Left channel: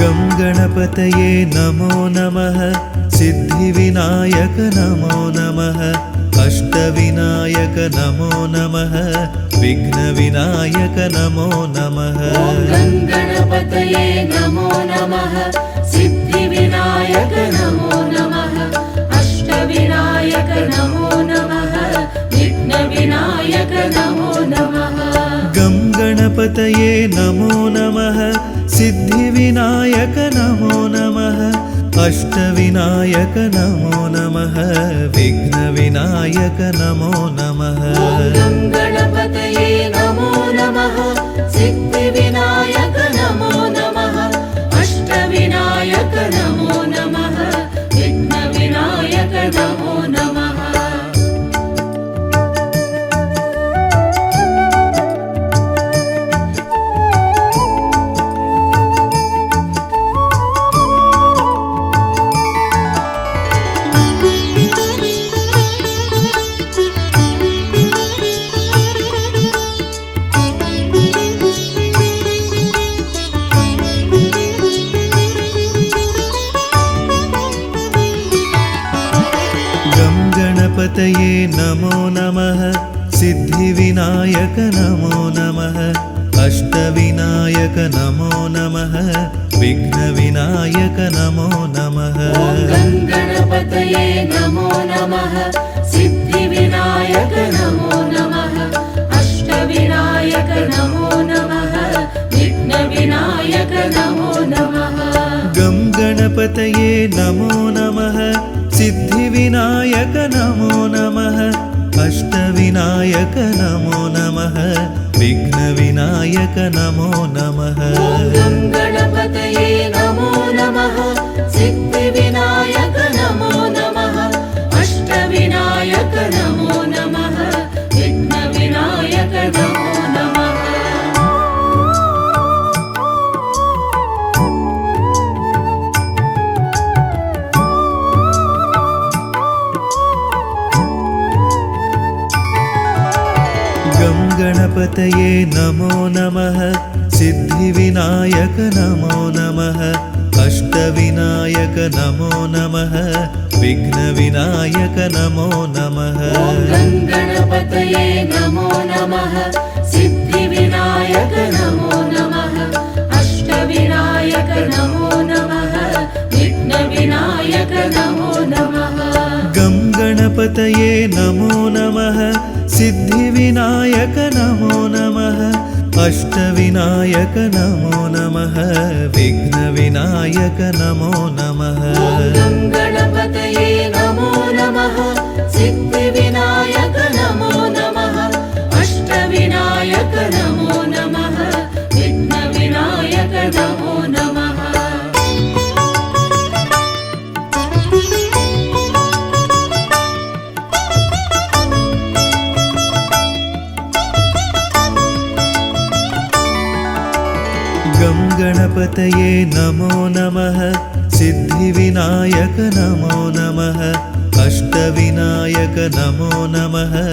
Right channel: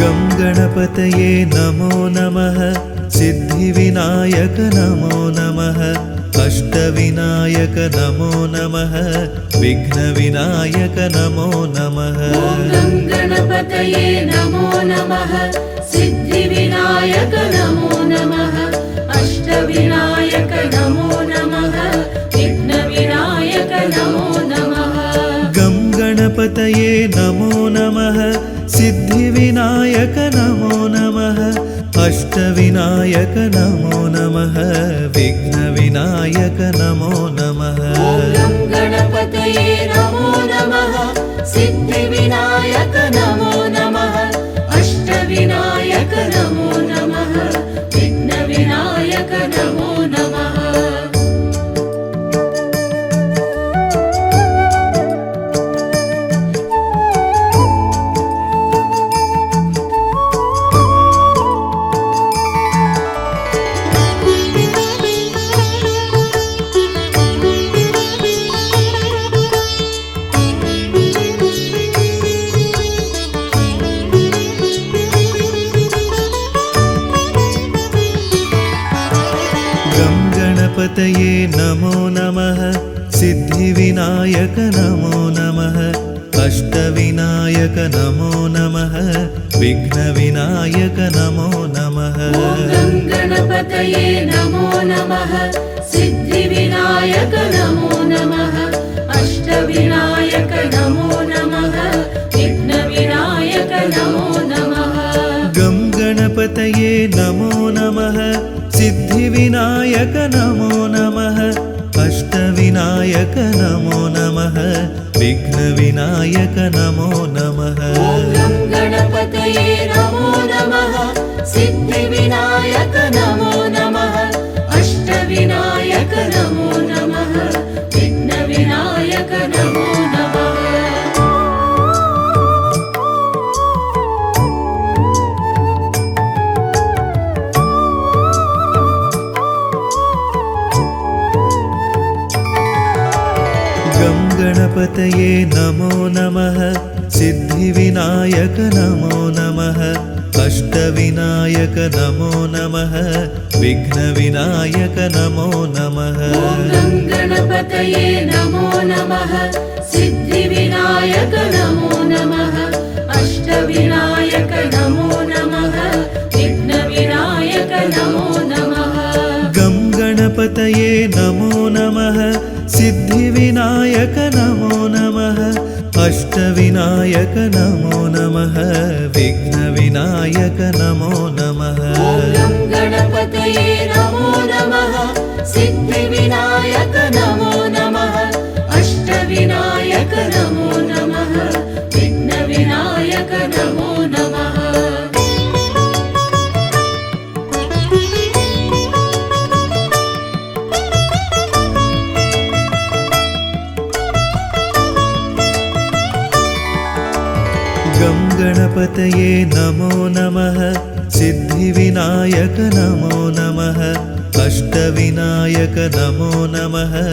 गं गणपतये नमो नमः सिद्धिविनायक नमो नमः अष्टविनायक नमो नमः विघ्नविनायक नमो नमः गं गणपतये नमो नमः सिद्धिविनायक नमो नमः अष्टविनायक नमो नमः विघ्नविनायक नमो नमः गं गणपतये नमो नमः सिद्धिविनायक नमो नमः अष्टविनायक नमो नमः विघ्नविनायक नमो नमः गं गणपतये नमो नमः सिद्धिविनायक नमो नमः अष्टविनायक नमो नमः विघ्नविनायक नमो नमः गं गणपतये नमो नमः सिद्धिविनायक नमो नमः अष्टविनायक नमो नमः विघ्नविनायक नमो नमः गं गणपतये नमो नमः सिद्धिविनायक नमो नमः अष्टविनायक नमो नमः विघ्नविनायक नमो नमः गं गणपतये नमो नमः सिद्धिविनायक नमो नमः अष्टविनायक नमो नमः विघ्नविनायक नमो नमः गं गणपतये नमो नमः सिद्धिविनायक नमो नमः अष्टविनायक नमो नमः विघ्नविनायक नमो नमः गं गणपतये नमो नमः सिद्धिविनायक नमो नमः अष्टविनायक नमो नमः विघ्नविनायक नमो नमः गं गणपतये नमो नमः सिद्धिविनायक नमो नमः अष्टविनायक नमो नमः विघ्नविनायक नमो नमः गं गणपतये नमो नमः सिद्धिविनायक नमो नमः अष्टविनायक नमो नमः विघ्नविनायक नमो नमः गं गणपतये नमो नमः सिद्धिविनायक नमो नमः अष्टविनायक नमो नमः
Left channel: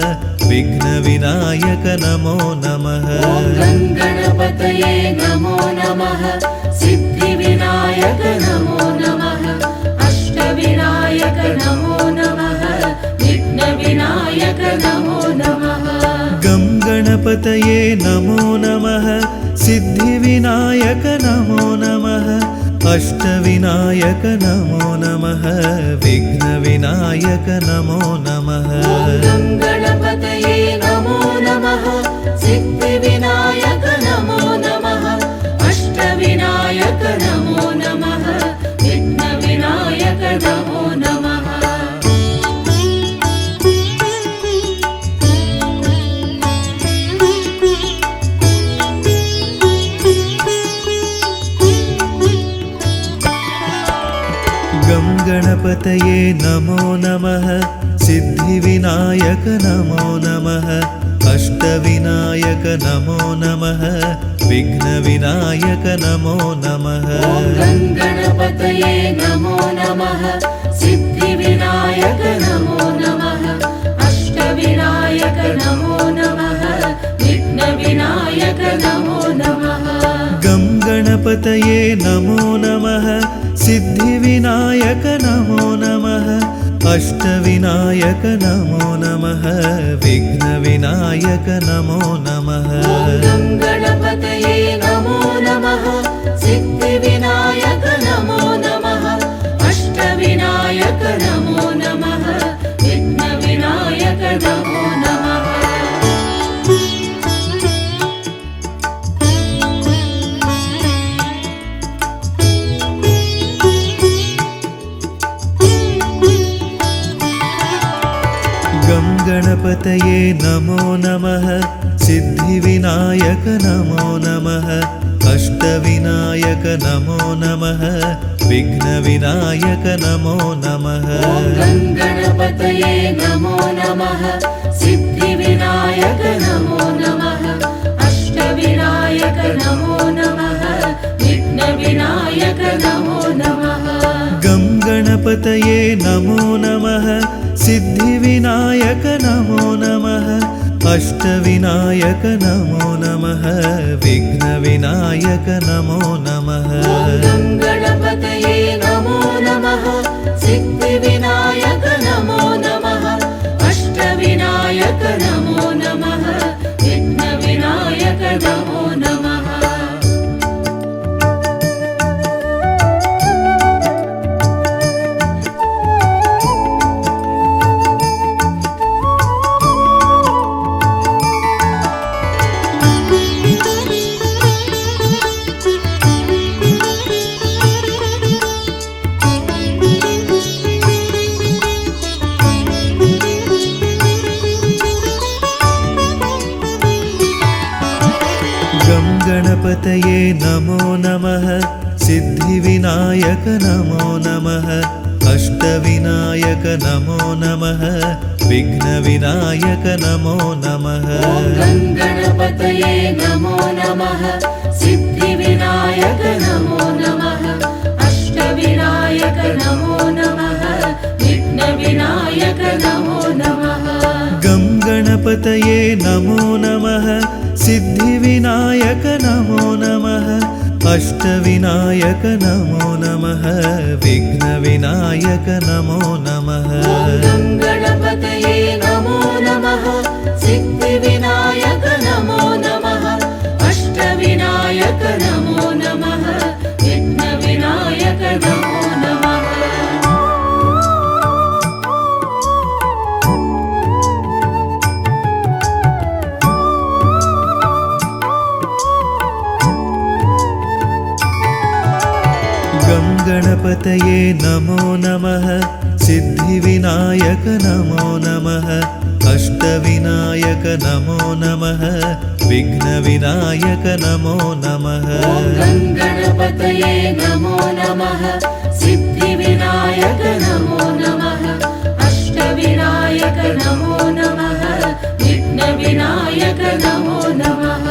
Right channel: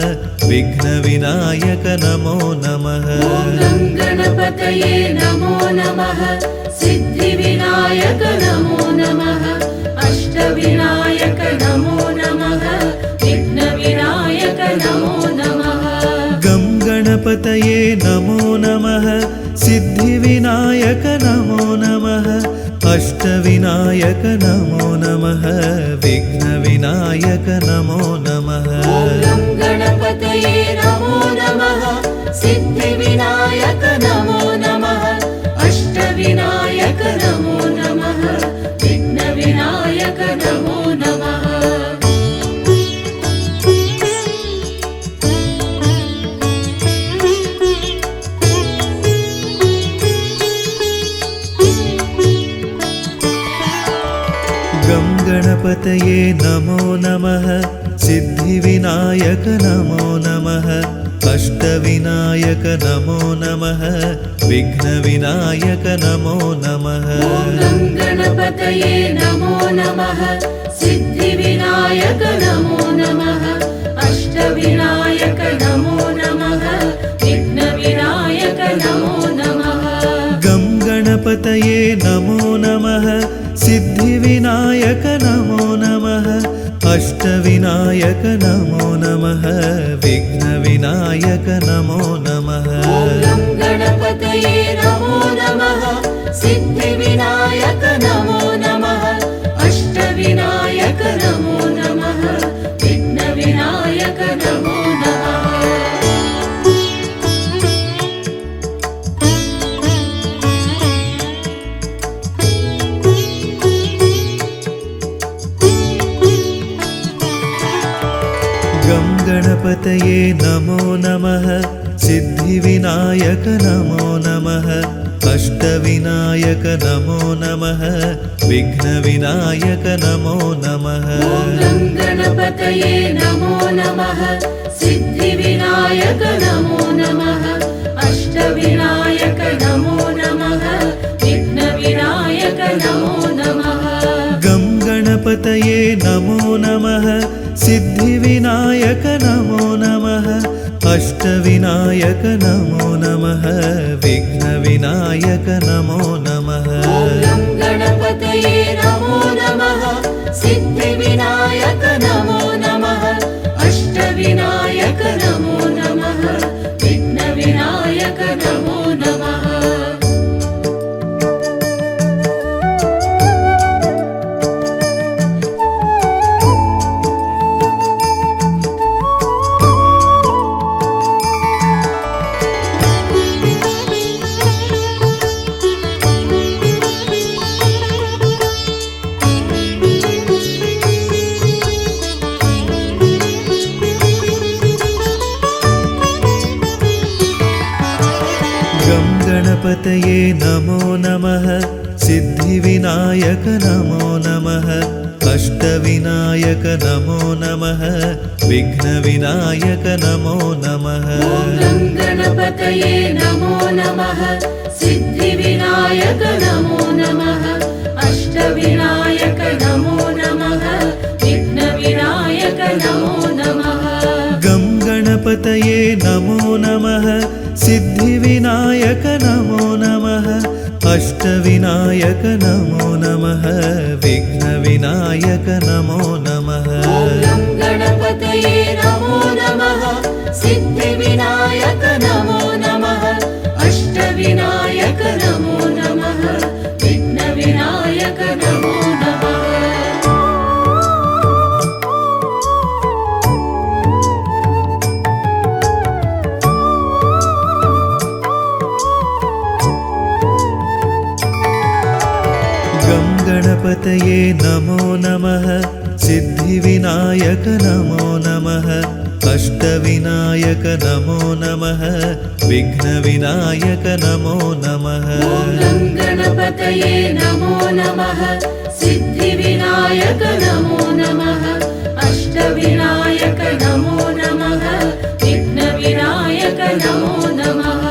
विघ्नविनायक नमो नमः गं गणपतये नमो नमः सिद्धिविनायक नमो नमः अष्टविनायक नमो नमः विघ्नविनायक नमो नमः गं गणपतये नमो नमः सिद्धिविनायक नमो नमः अष्टविनायक नमो नमः विघ्नविनायक नमो नमः गं गणपतये नमो नमः सिद्धिविनायक नमो नमः अष्टविनायक नमो नमः विघ्नविनायक नमो नमः गं गणपतये नमो नमः सिद्धिविनायक नमो नमः अष्टविनायक नमो नमः विघ्नविनायक नमो नमः गं गणपतये नमो नमः सिद्धिविनायक नमो नमः अष्टविनायक नमो नमः विघ्नविनायक नमो नमः गं गणपतये नमो नमः सिद्धिविनायक नमो नमः अष्टविनायक नमो नमः विघ्नविनायक नमो नमः गं गणपतये गणपतये नमो नमः सिद्धिविनायक नमो नमः अष्टविनायक नमो नमः विघ्नविनायक नमो नमः गणपतये नमो नमः सिद्धिविनायक नमो नमः अष्टविनायक नमो नमः विघ्नविनायक नमो नमः गं गणपतये नमो नमः सिद्धिविनायक नमो नमः अष्टविनायक नमो नमः विघ्नविनायक नमो नमः गणपतये नमो नमः सिद्धिविनायक नमो नमः अष्टविनायक नमो नमः विघ्नविनायक नमो नमः गं गणपतये नमो नमः सिद्धिविनायक नमो नमः अष्टविनायक नमो नमः विघ्नविनायक नमो नमः गणपतये नमो नमः सिद्धिविनायक नमो नमः अष्टविनायक नमो नमः विघ्नविनायक नमो नमः गं गणपतये नमो नमः सिद्धिविनायक नमो नमः अष्टविनायक नमो नमः विघ्नविनायक नमो नमः गणपतये नमो नमः सिद्धिविनायक नमो नमः अष्टविनायक नमो नमः विघ्नविनायक नमो नमः गं गणपतये नमो नमः सिद्धिविनायक नमो नमः अष्टविनायक नमो नमः विघ्नविनायक नमो नमः गणपतये नमो नमः सिद्धिविनायक नमो नमः अष्टविनायक नमो नमः विघ्नविनायक नमो नमः गं गणपतये नमो नमः सिद्धिविनायक नमो नमः अष्टविनायक नमो नमः विघ्नविनायक नमो नमः गणपतये नमो नमः सिद्धिविनायक नमो नमः अष्टविनायक नमो नमः विघ्नविनायक नमो नमः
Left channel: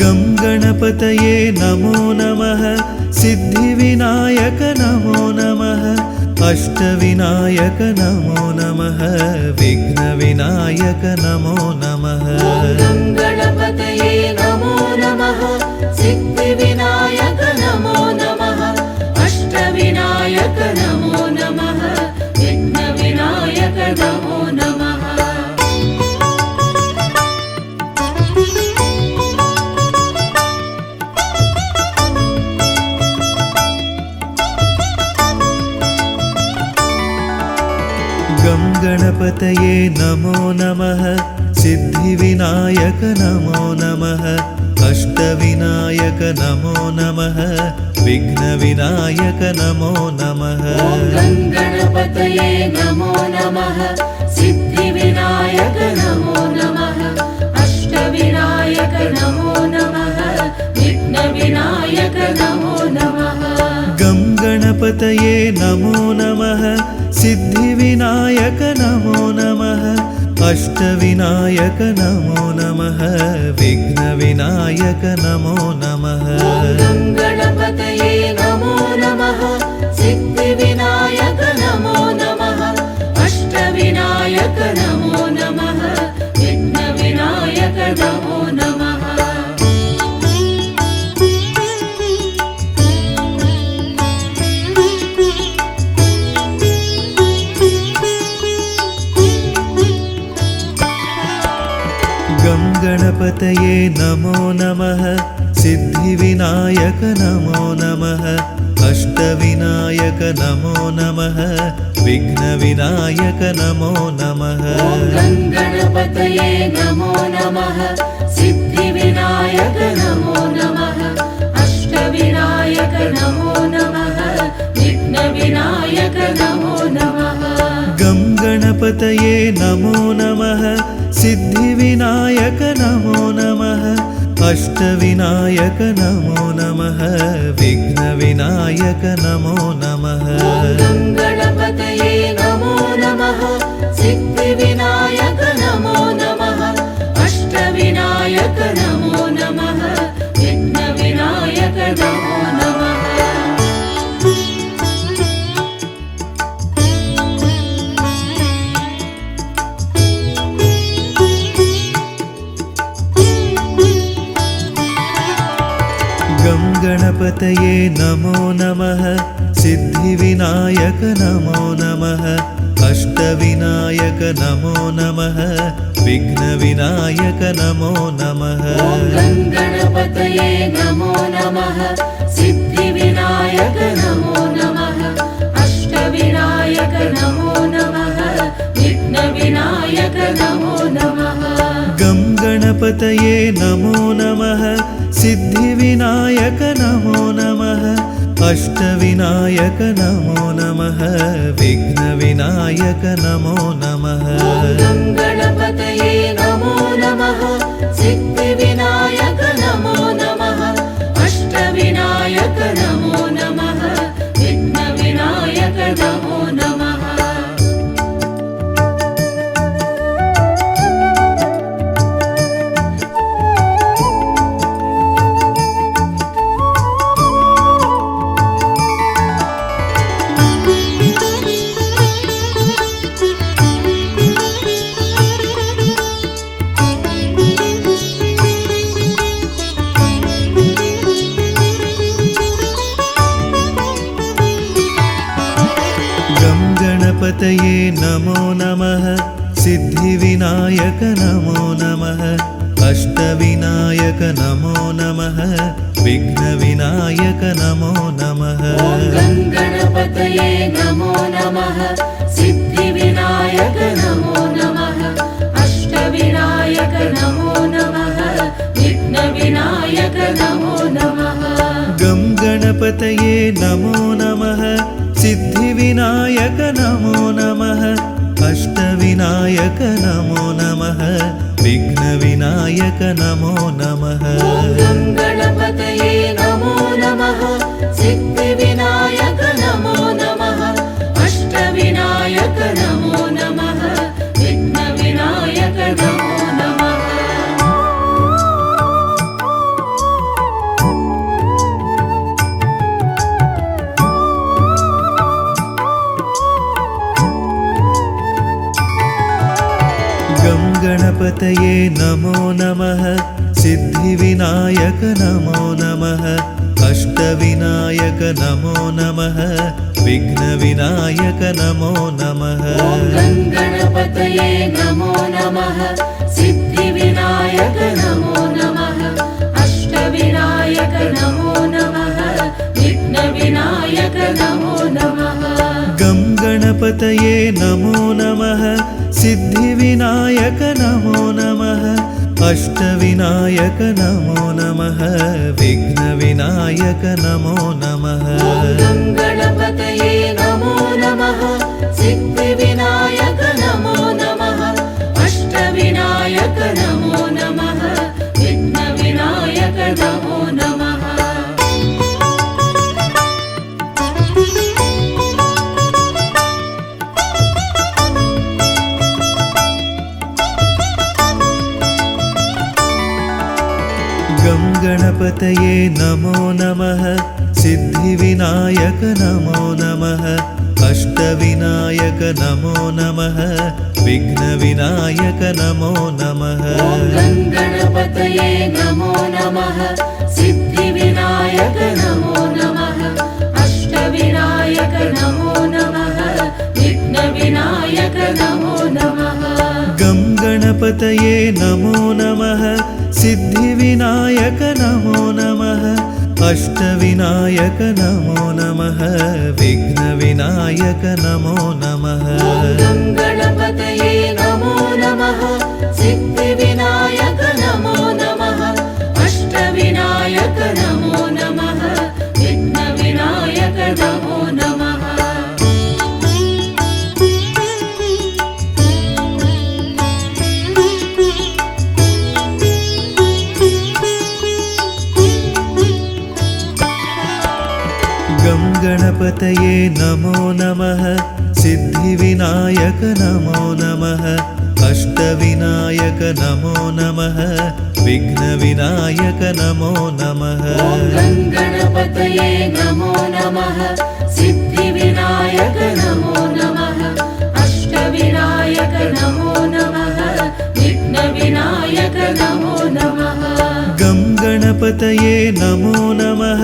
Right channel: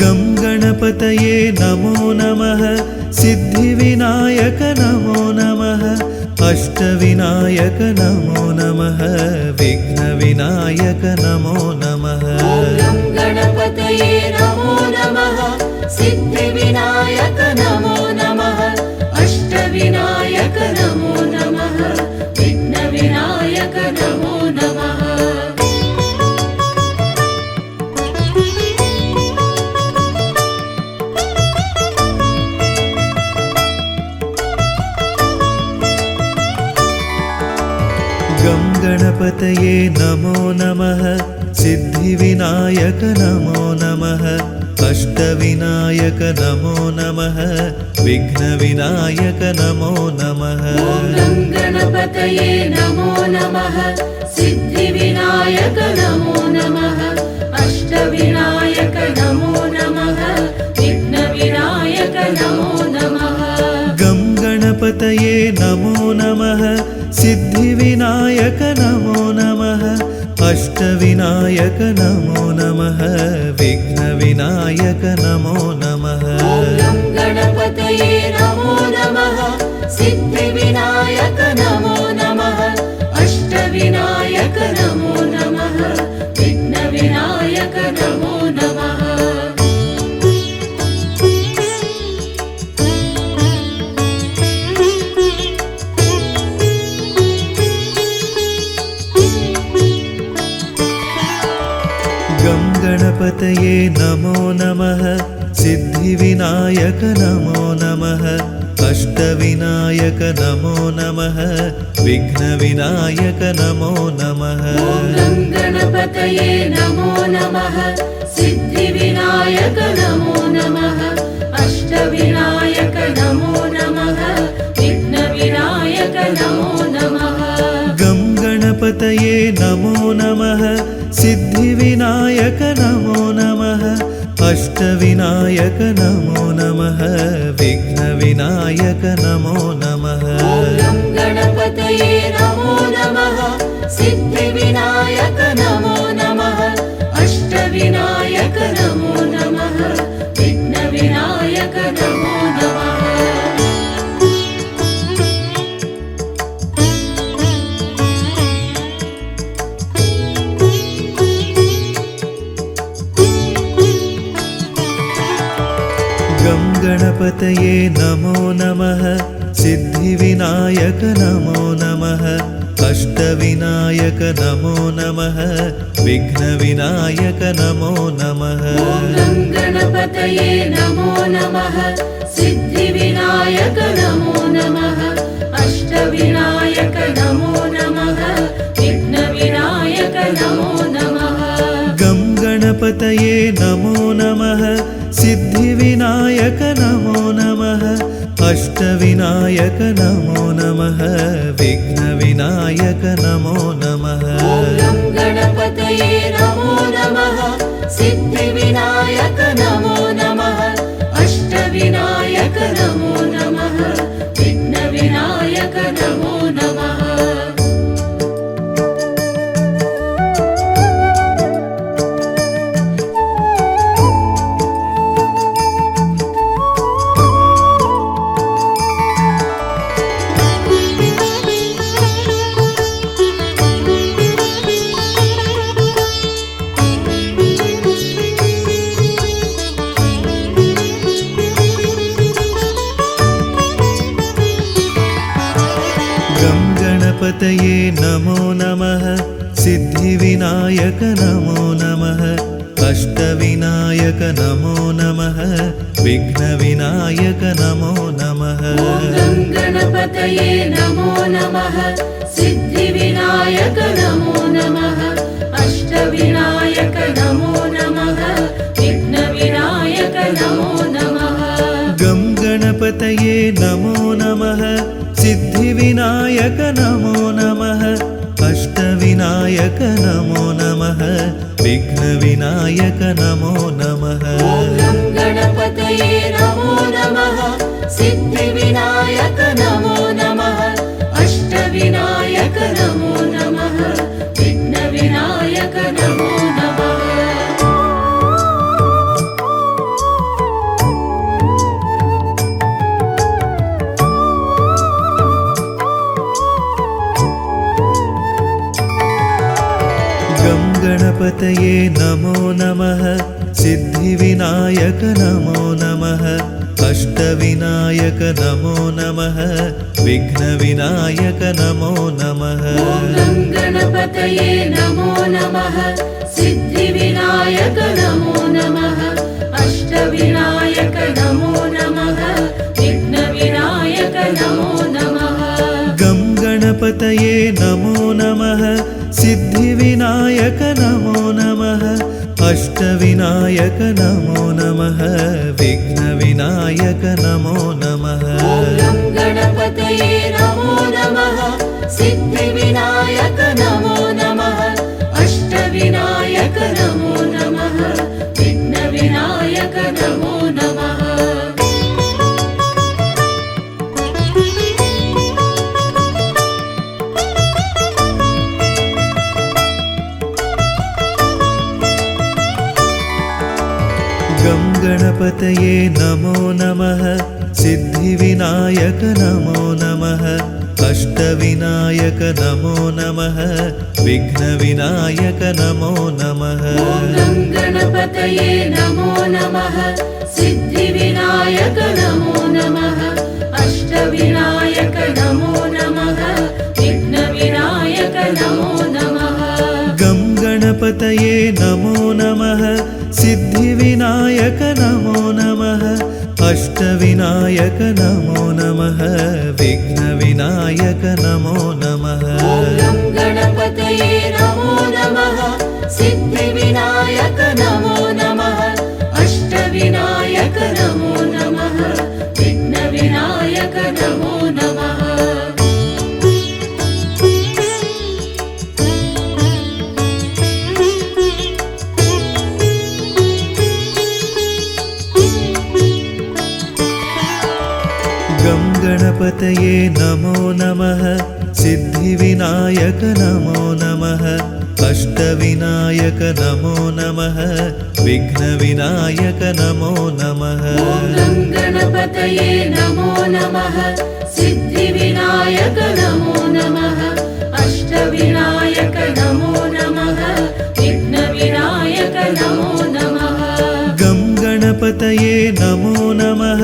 गं गणपतये नमो नमः सिद्धिविनायक नमो नमः अष्टविनायक नमो नमः विघ्नविनायक नमो नमः गणपतये नमो नमः सिद्धिविनायक नमो नमः अष्टविनायक नमो नमः विघ्नविनायक नमो नमः गं गणपतये नमो नमः सिद्धिविनायक नमो नमः अष्टविनायक नमो नमः विघ्नविनायक नमो नमः गणपतये नमो नमः सिद्धिविनायक नमो नमः अष्टविनायक नमो नमः विघ्नविनायक नमो नमः गं गणपतये नमो नमः सिद्धिविनायक नमो नमः अष्टविनायक नमो नमः विघ्नविनायक नमो नमः गणपतये नमो नमः सिद्धिविनायक नमो नमः अष्टविनायक नमो नमः विघ्नविनायक नमो नमः गणपतये नमो नमः सिद्धिविनायक नमो नमः अष्टविनायक नमो नमः विघ्नविनायक नमो नमः गं गणपतये नमो नमः सिद्धिविनायक नमो नमः अष्टविनायक नमो नमः विघ्नविनायक नमो नमः गं गणपतये नमो नमः सिद्धिविनायक नमो नमः अष्टविनायक नमो नमः विघ्नविनायक नमो नमः गं गणपतये नमो नमः सिद्धिविनायक नमो नमः अष्टविनायक नमो नमः विघ्नविनायक नमो नमः गं गणपतये नमो नमः सिद्धिविनायक नमो नमः अष्टविनायक नमो नमः विघ्नविनायक नमो नमः गं गणपतये नमो नमः सिद्धिविनायक नमो नमः अष्टविनायक नमो नमः विघ्नविनायक नमो नमः गं गणपतये नमो नमः सिद्धिविनायक नमो नमः अष्टविनायक नमो नमः विघ्नविनायक नमो नमः गं गणपतये नमो नमः सिद्धिविनायक नमो नमः अष्टविनायक नमो नमः विघ्नविनायक नमो नमः गं गणपतये नमो नमः सिद्धिविनायक नमो नमः अष्टविनायक नमो नमः विघ्नविनायक नमो नमः गं गणपतये नमो नमः सिद्धिविनायक नमो नमः अष्टविनायक नमो नमः विघ्नविनायक नमो नमः गं गणपतये नमो नमः सिद्धिविनायक नमो नमः अष्टविनायक नमो नमः विघ्नविनायक नमो नमः गं गणपतये नमो नमः सिद्धिविनायक नमो नमः अष्टविनायक नमो नमः विघ्नविनायक नमो नमः गं गणपतये नमो नमः सिद्धिविनायक नमो नमः अष्टविनायक नमो नमः विघ्नविनायक नमो नमः गं गणपतये नमो नमः सिद्धिविनायक नमो नमः अष्टविनायक नमो नमः विघ्नविनायक नमो नमः गं गणपतये नमो नमः सिद्धिविनायक नमो नमः अष्टविनायक नमो नमः विघ्नविनायक नमो नमः गं गणपतये नमो नमः सिद्धिविनायक नमो नमः अष्टविनायक नमो नमः विघ्नविनायक नमो नमः गं गणपतये नमो नमः सिद्धिविनायक नमो नमः अष्टविनायक नमो नमः विघ्नविनायक नमो नमः गं गणपतये नमो नमः सिद्धिविनायक नमो नमः अष्टविनायक नमो नमः विघ्नविनायक नमो नमः गं गणपतये गङ्गणपतये नमो नमः सिद्धिविनायक नमो नमः अष्टविनायक नमो नमः विघ्नविनायक नमो नमः गणपतये नमो नमः सिद्धिविनायक नमो नमः अष्टविनायक नमो नमः विघ्नविनायक नमो नमः गं गणपतये नमो नमः सिद्धिविनायक नमो नमः अष्टविनायक नमो नमः विघ्नविनायक नमो नमः गणपतये नमो नमः सिद्धिविनायक नमो नमः अष्टविनायक नमो नमः विघ्नविनायक नमो नमः गं गणपतये नमो नमः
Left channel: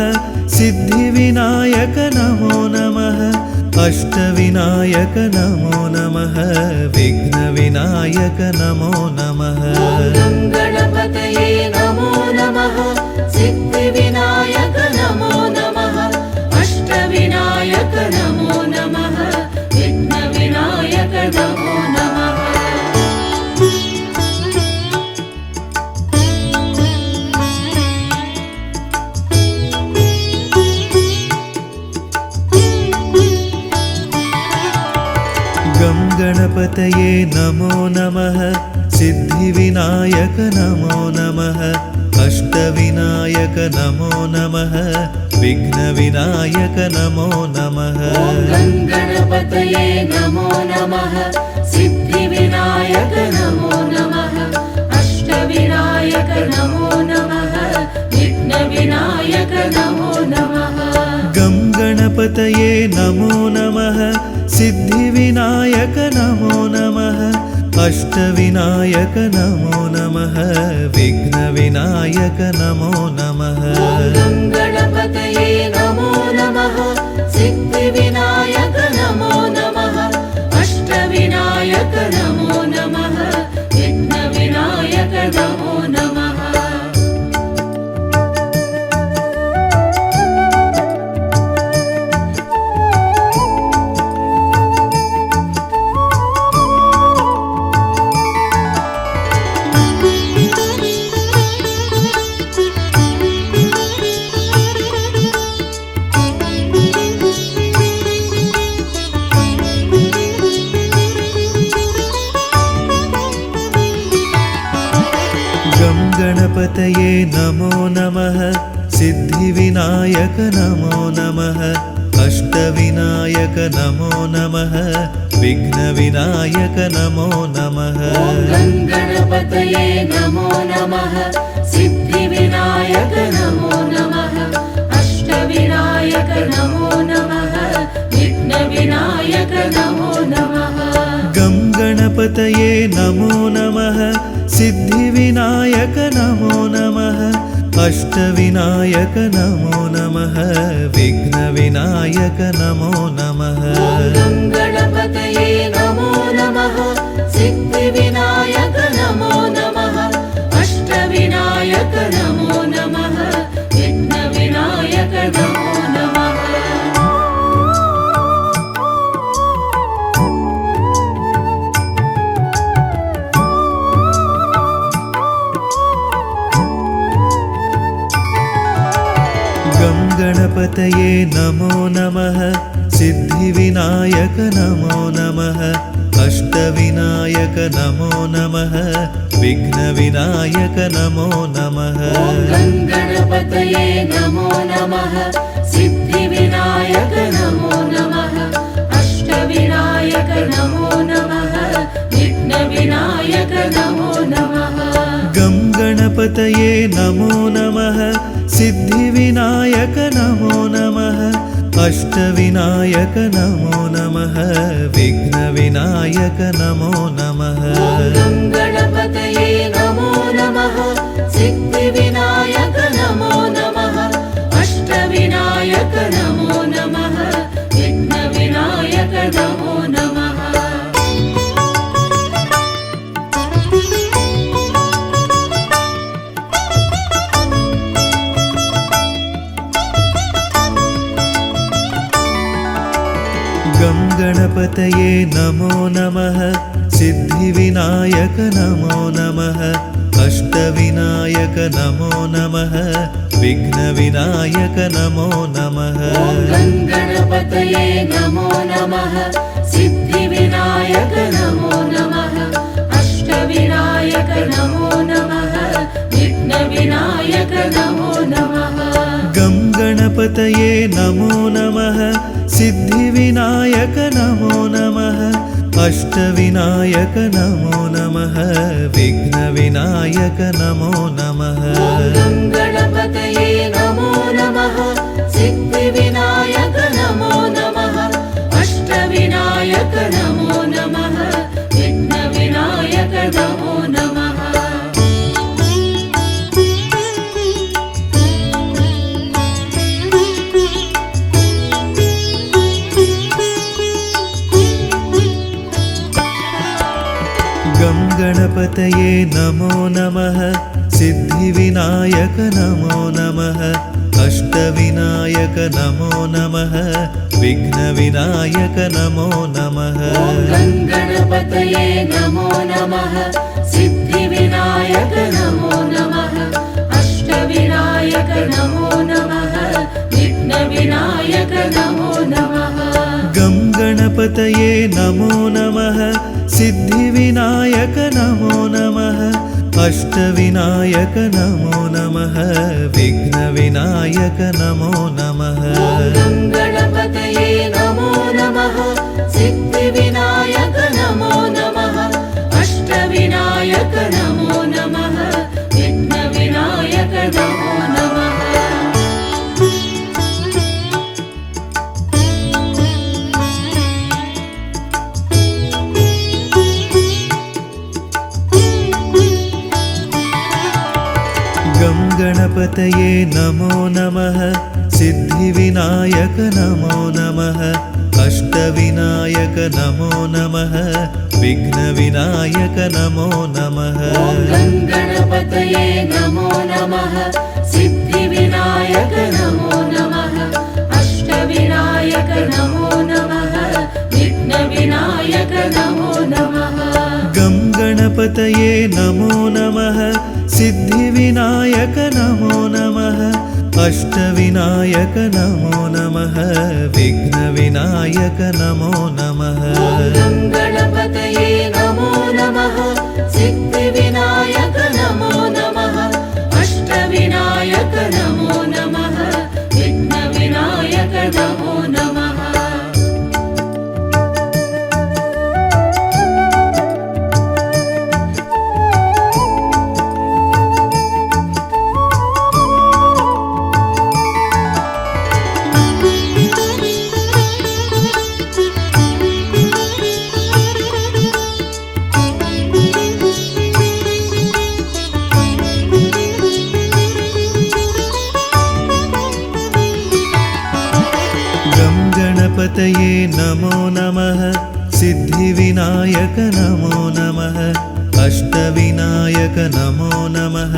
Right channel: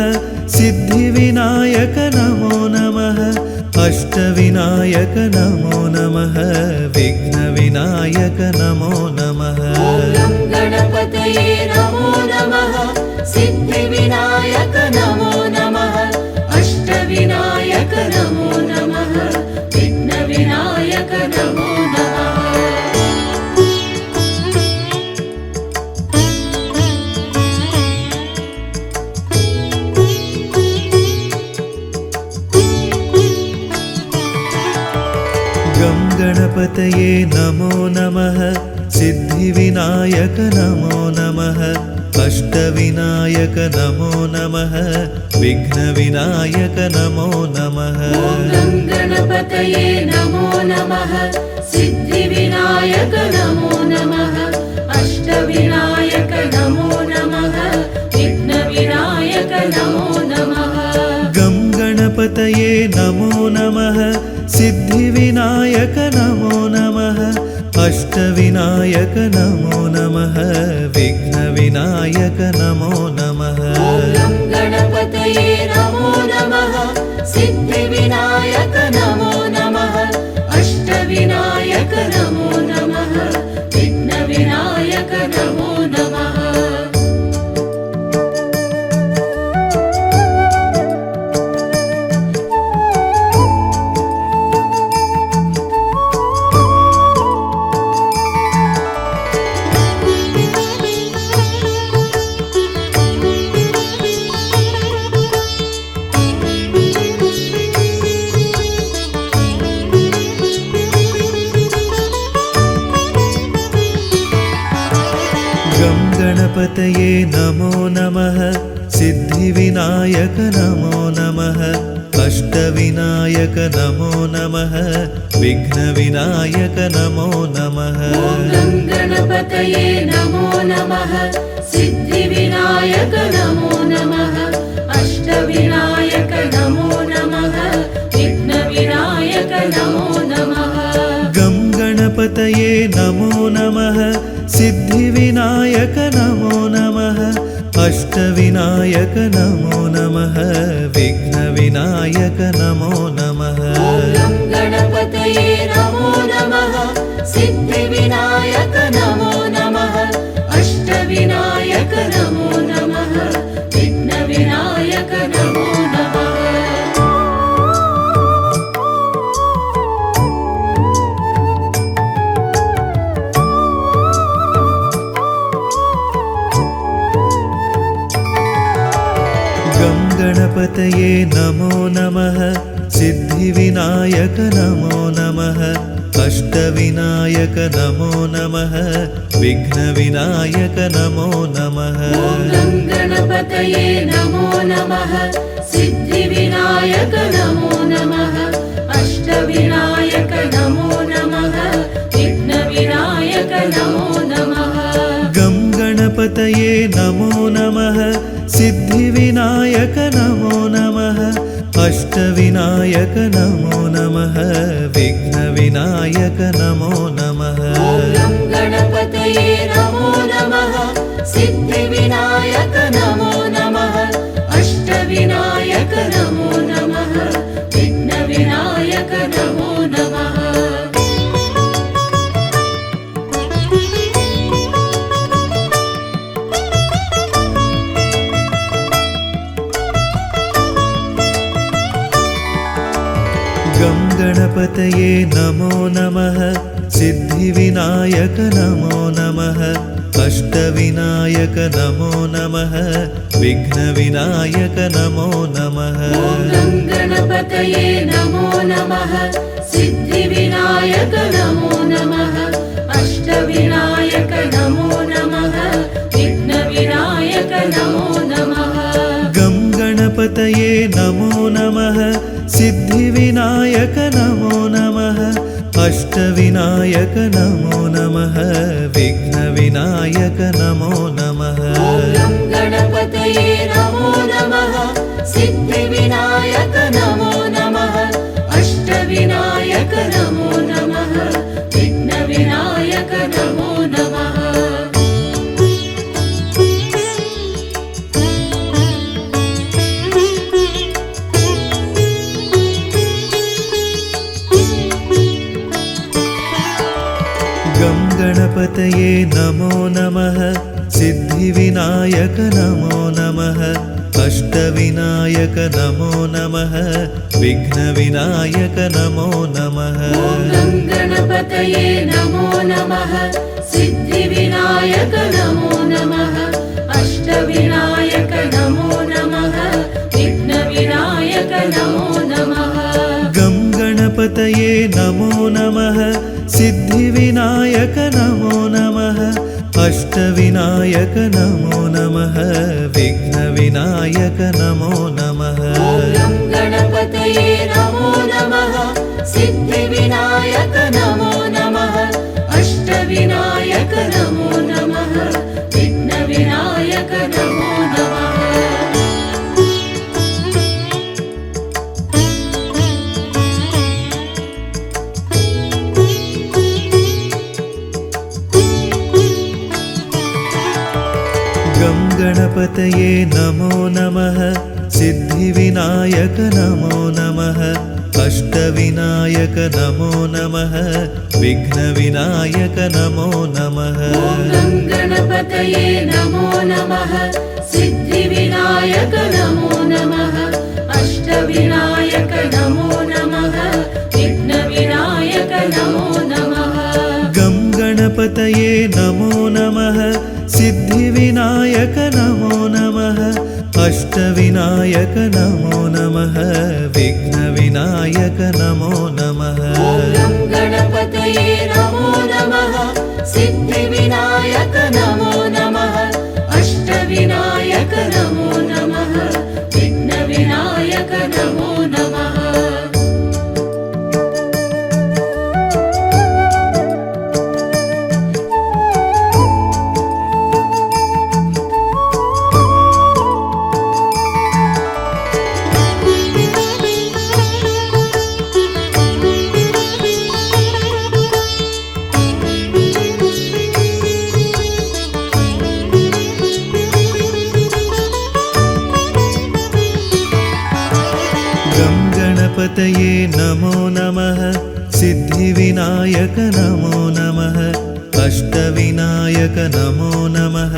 सिद्धिविनायक नमो नमः अष्टविनायक नमो नमः विघ्नविनायक नमो नमः गणपतये नमो नमः सिद्धिविनायक नमो नमः अष्टविनायक नमो नमः विघ्नविनायक नमो नमः गं गणपतये नमो नमः सिद्धिविनायक नमो नमः अष्टविनायक नमो नमः विघ्नविनायक नमो नमः गणपतये नमो नमः सिद्धिविनायक नमो नमः अष्टविनायक नमो नमः विघ्नविनायक नमो नमः गं गणपतये नमो नमः सिद्धिविनायक नमो नमः अष्टविनायक नमो नमः विघ्नविनायक नमो नमः गणपतये नमो नमः सिद्धिविनायक नमो नमः अष्टविनायक नमो नमः विघ्नविनायक नमो नमः गं गणपतये नमो नमः सिद्धिविनायक नमो नमः अष्टविनायक नमो नमः विघ्नविनायक नमो नमः गणपतये नमो नमः सिद्धिविनायक नमो नमः अष्टविनायक नमो नमः विघ्नविनायक नमो नमः गं गणपतये नमो नमः सिद्धिविनायक नमो नमः अष्टविनायक नमो नमः विघ्नविनायक नमो नमः गणपतये नमो नमः सिद्धिविनायक नमो नमः अष्टविनायक नमो नमः विघ्नविनायक नमो नमः गं गणपतये नमो नमः सिद्धिविनायक नमो नमः अष्टविनायक नमो नमः विघ्नविनायक नमो नमः गणपतये नमो नमः सिद्धिविनायक नमो नमः अष्टविनायक नमो नमः विघ्नविनायक नमो नमः गं गणपतये नमो नमः सिद्धिविनायक नमो नमः अष्टविनायक नमो नमः विघ्नविनायक नमो नमः गणपतये नमो नमः सिद्धिविनायक नमो नमः अष्टविनायक नमो नमः विघ्नविनायक नमो नमः गङ्गणपतये नमो नमः सिद्धिविनायक नमो नमः अष्टविनायक नमो नमः विघ्नविनायक नमो नमः गणपतये नमो नमः सिद्धिविनायक नमो नमः अष्टविनायक नमो नमः विघ्नविनायक नमो नमः गं गणपतये नमो नमः सिद्धिविनायक नमो नमः अष्टविनायक नमो नमः विघ्नविनायक नमो नमः गणपतये नमो नमः सिद्धिविनायक नमो नमः अष्टविनायक नमो नमः विघ्नविनायक नमो नमः गं गणपतये नमो नमः सिद्धिविनायक नमो नमः अष्टविनायक नमो नमः विघ्नविनायक नमो नमः गणपतये नमो नमः सिद्धिविनायक नमो नमः अष्टविनायक नमो नमः विघ्नविनायक नमो नमः गं गणपतये नमो नमः सिद्धिविनायक नमो नमः अष्टविनायक नमो नमः विघ्नविनायक नमो नमः गणपतये नमो नमः सिद्धिविनायक नमो नमः अष्टविनायक नमो नमः विघ्नविनायक नमो नमः गं गणपतये नमो नमः सिद्धिविनायक नमो नमः अष्टविनायक नमो नमः विघ्नविनायक नमो नमः गणपतये नमो नमः सिद्धिविनायक नमो नमः अष्टविनायक नमो नमः विघ्नविनायक नमो नमः गं गणपतये नमो नमः सिद्धिविनायक नमो नमः अष्टविनायक नमो नमः विघ्नविनायक नमो नमः गणपतये नमो नमः सिद्धिविनायक नमो नमः अष्टविनायक नमो नमः विघ्नविनायक नमो नमः गं गणपतये नमो नमः सिद्धिविनायक नमो नमः अष्टविनायक नमो नमः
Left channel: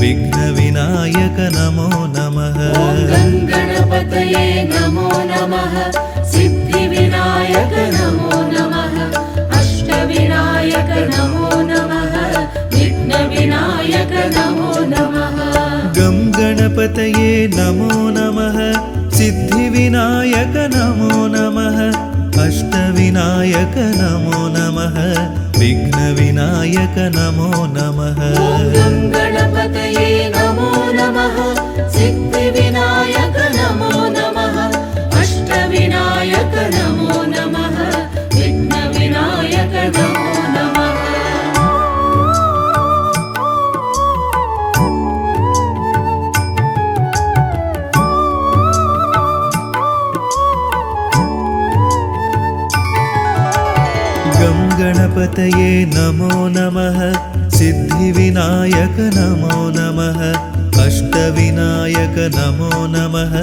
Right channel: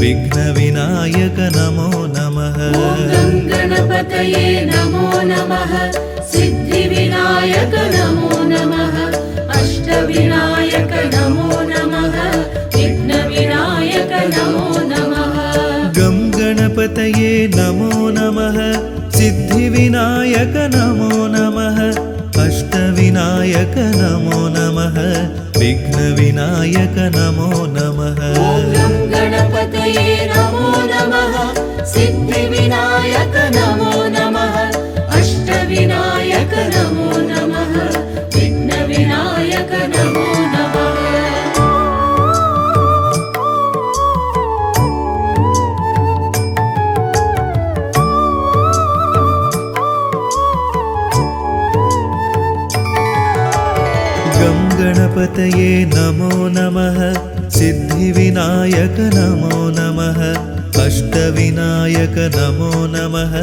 विघ्नविनायक नमो नमः गणपतये नमो नमः सिद्धिविनायक नमो नमः अष्टविनायक नमो नमः विघ्नविनायक नमो नमः गं गणपतये नमो नमः सिद्धिविनायक नमो नमः अष्टविनायक नमो नमः विघ्नविनायक नमो नमः गणपतये नमो नमः सिद्धिविनायक नमो नमः अष्टविनायक नमो नमः विघ्नविनायक नमो नमः गं गणपतये नमो नमः सिद्धिविनायक नमो नमः अष्टविनायक नमो नमः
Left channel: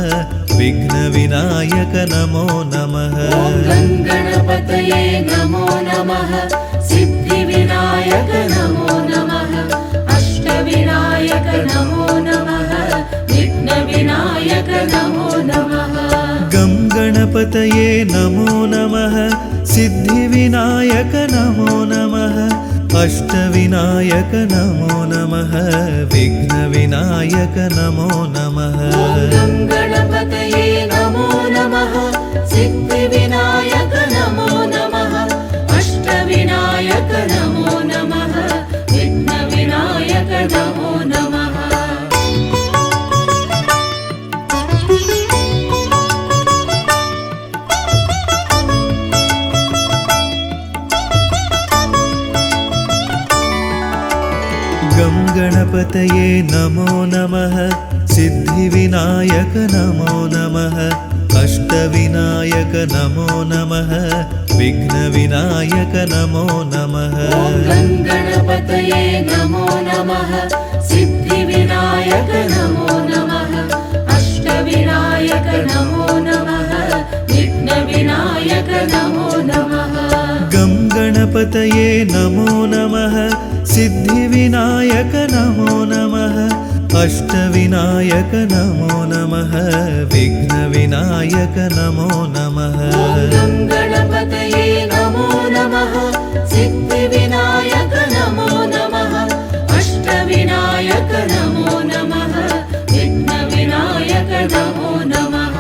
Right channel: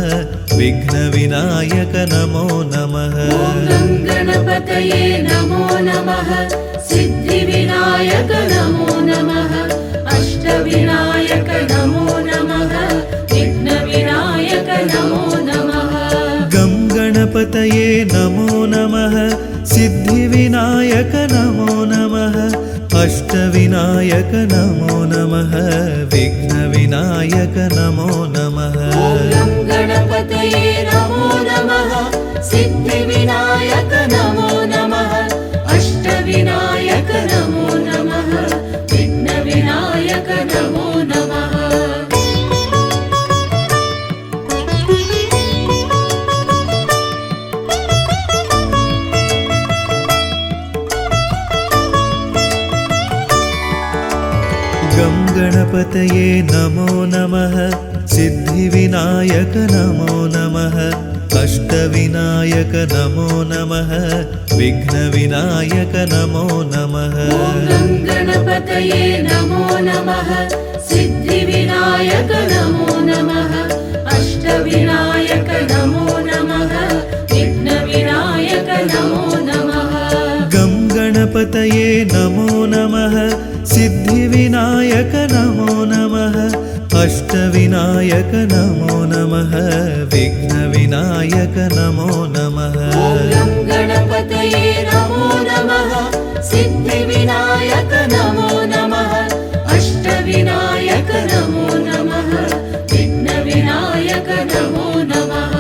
विघ्नविनायक नमो नमः गणपतये नमो नमः सिद्धिविनायक नमो नमः अष्टविनायक नमो नमः विघ्नविनायक नमो नमः गं गणपतये गङ्गणपतये नमो नमः सिद्धिविनायक नमो नमः अष्टविनायक नमो नमः विघ्नविनायक नमो नमः गणपतये नमो नमः सिद्धिविनायक नमो नमः अष्टविनायक नमो नमः विघ्नविनायक नमो नमः गं गणपतये नमो नमः सिद्धिविनायक नमो नमः अष्टविनायक नमो नमः विघ्नविनायक नमो नमः गणपतये नमो नमः सिद्धिविनायक नमो नमः अष्टविनायक नमो नमः विघ्नविनायक नमो नमः गं गणपतये नमो नमः सिद्धिविनायक नमो नमः अष्टविनायक नमो नमः विघ्नविनायक नमो नमः गणपतये नमो नमः सिद्धिविनायक नमो नमः अष्टविनायक नमो नमः विघ्नविनायक नमो नमः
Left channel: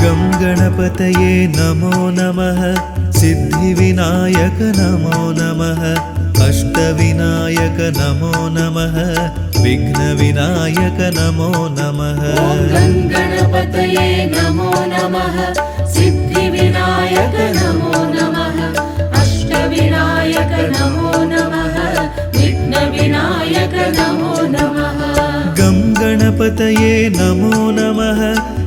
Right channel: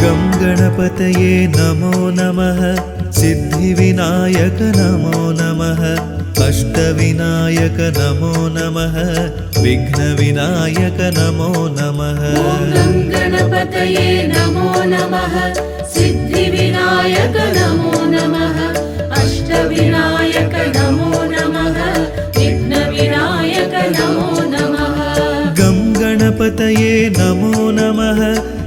गं गणपतये नमो नमः सिद्धिविनायक नमो नमः अष्टविनायक नमो नमः विघ्नविनायक नमो नमः गणपतये नमो नमः सिद्धिविनायक नमो नमः अष्टविनायक नमो नमः विघ्नविनायक नमो नमः गं गणपतये नमो नमः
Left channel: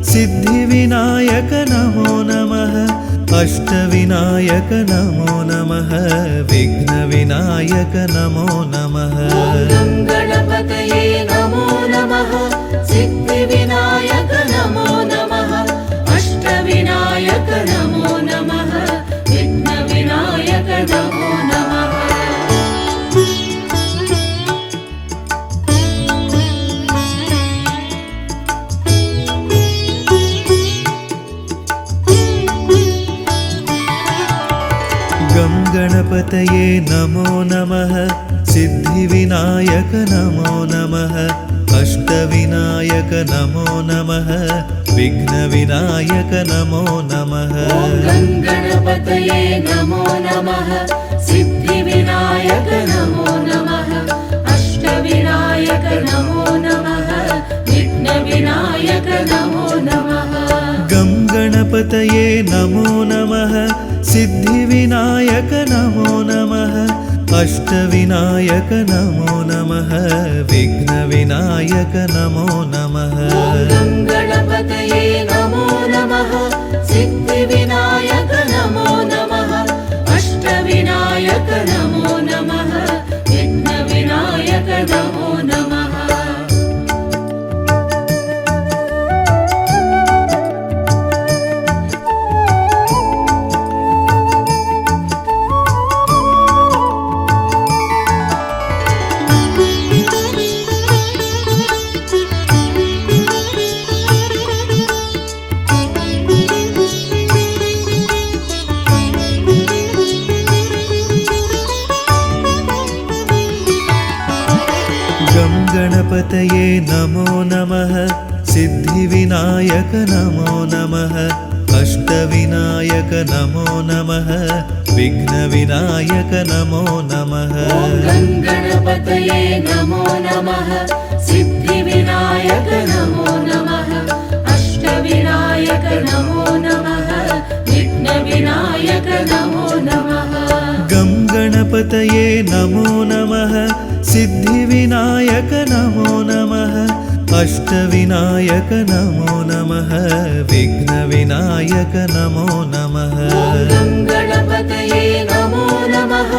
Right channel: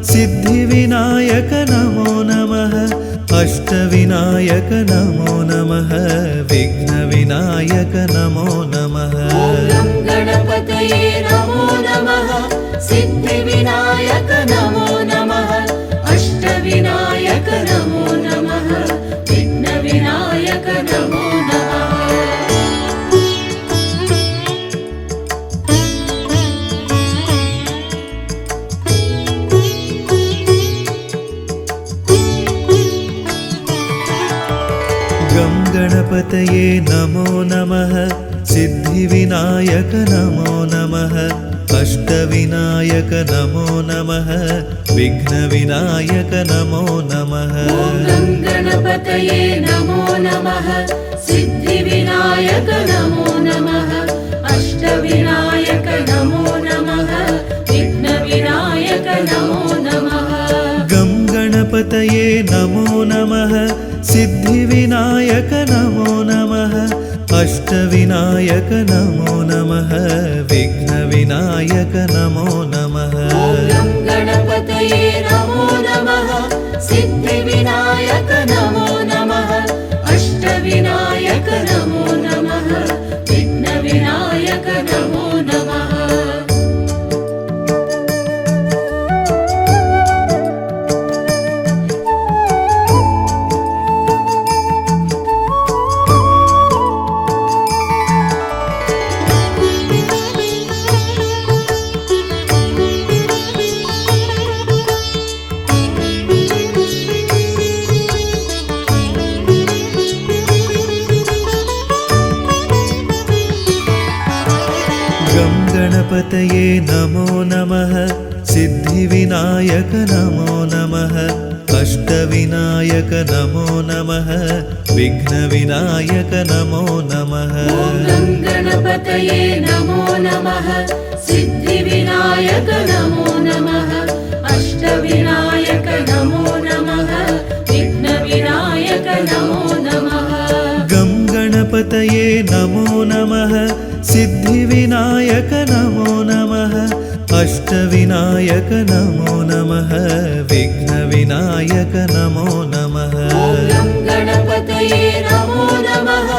सिद्धिविनायक नमो नमः अष्टविनायक नमो नमः विघ्नविनायक नमो नमः गणपतये नमो नमः सिद्धिविनायक नमो नमः अष्टविनायक नमो नमः विघ्नविनायक नमो नमः गं गणपतये नमो नमः सिद्धिविनायक नमो नमः अष्टविनायक नमो नमः विघ्नविनायक नमो नमः गणपतये नमो नमः सिद्धिविनायक नमो नमः अष्टविनायक नमो नमः विघ्नविनायक नमो नमः गं गणपतये नमो नमः सिद्धिविनायक नमो नमः अष्टविनायक नमो नमः विघ्नविनायक नमो नमः गणपतये नमो नमः सिद्धिविनायक नमो नमः अष्टविनायक नमो नमः विघ्नविनायक नमो नमः गं गणपतये नमो नमः सिद्धिविनायक नमो नमः अष्टविनायक नमो नमः विघ्नविनायक नमो नमः गणपतये नमो नमः सिद्धिविनायक नमो नमः अष्टविनायक नमो नमः विघ्नविनायक नमो नमः गं गणपतये नमो नमः सिद्धिविनायक नमो नमः अष्टविनायक नमो नमः विघ्नविनायक नमो नमः गणपतये नमो नमः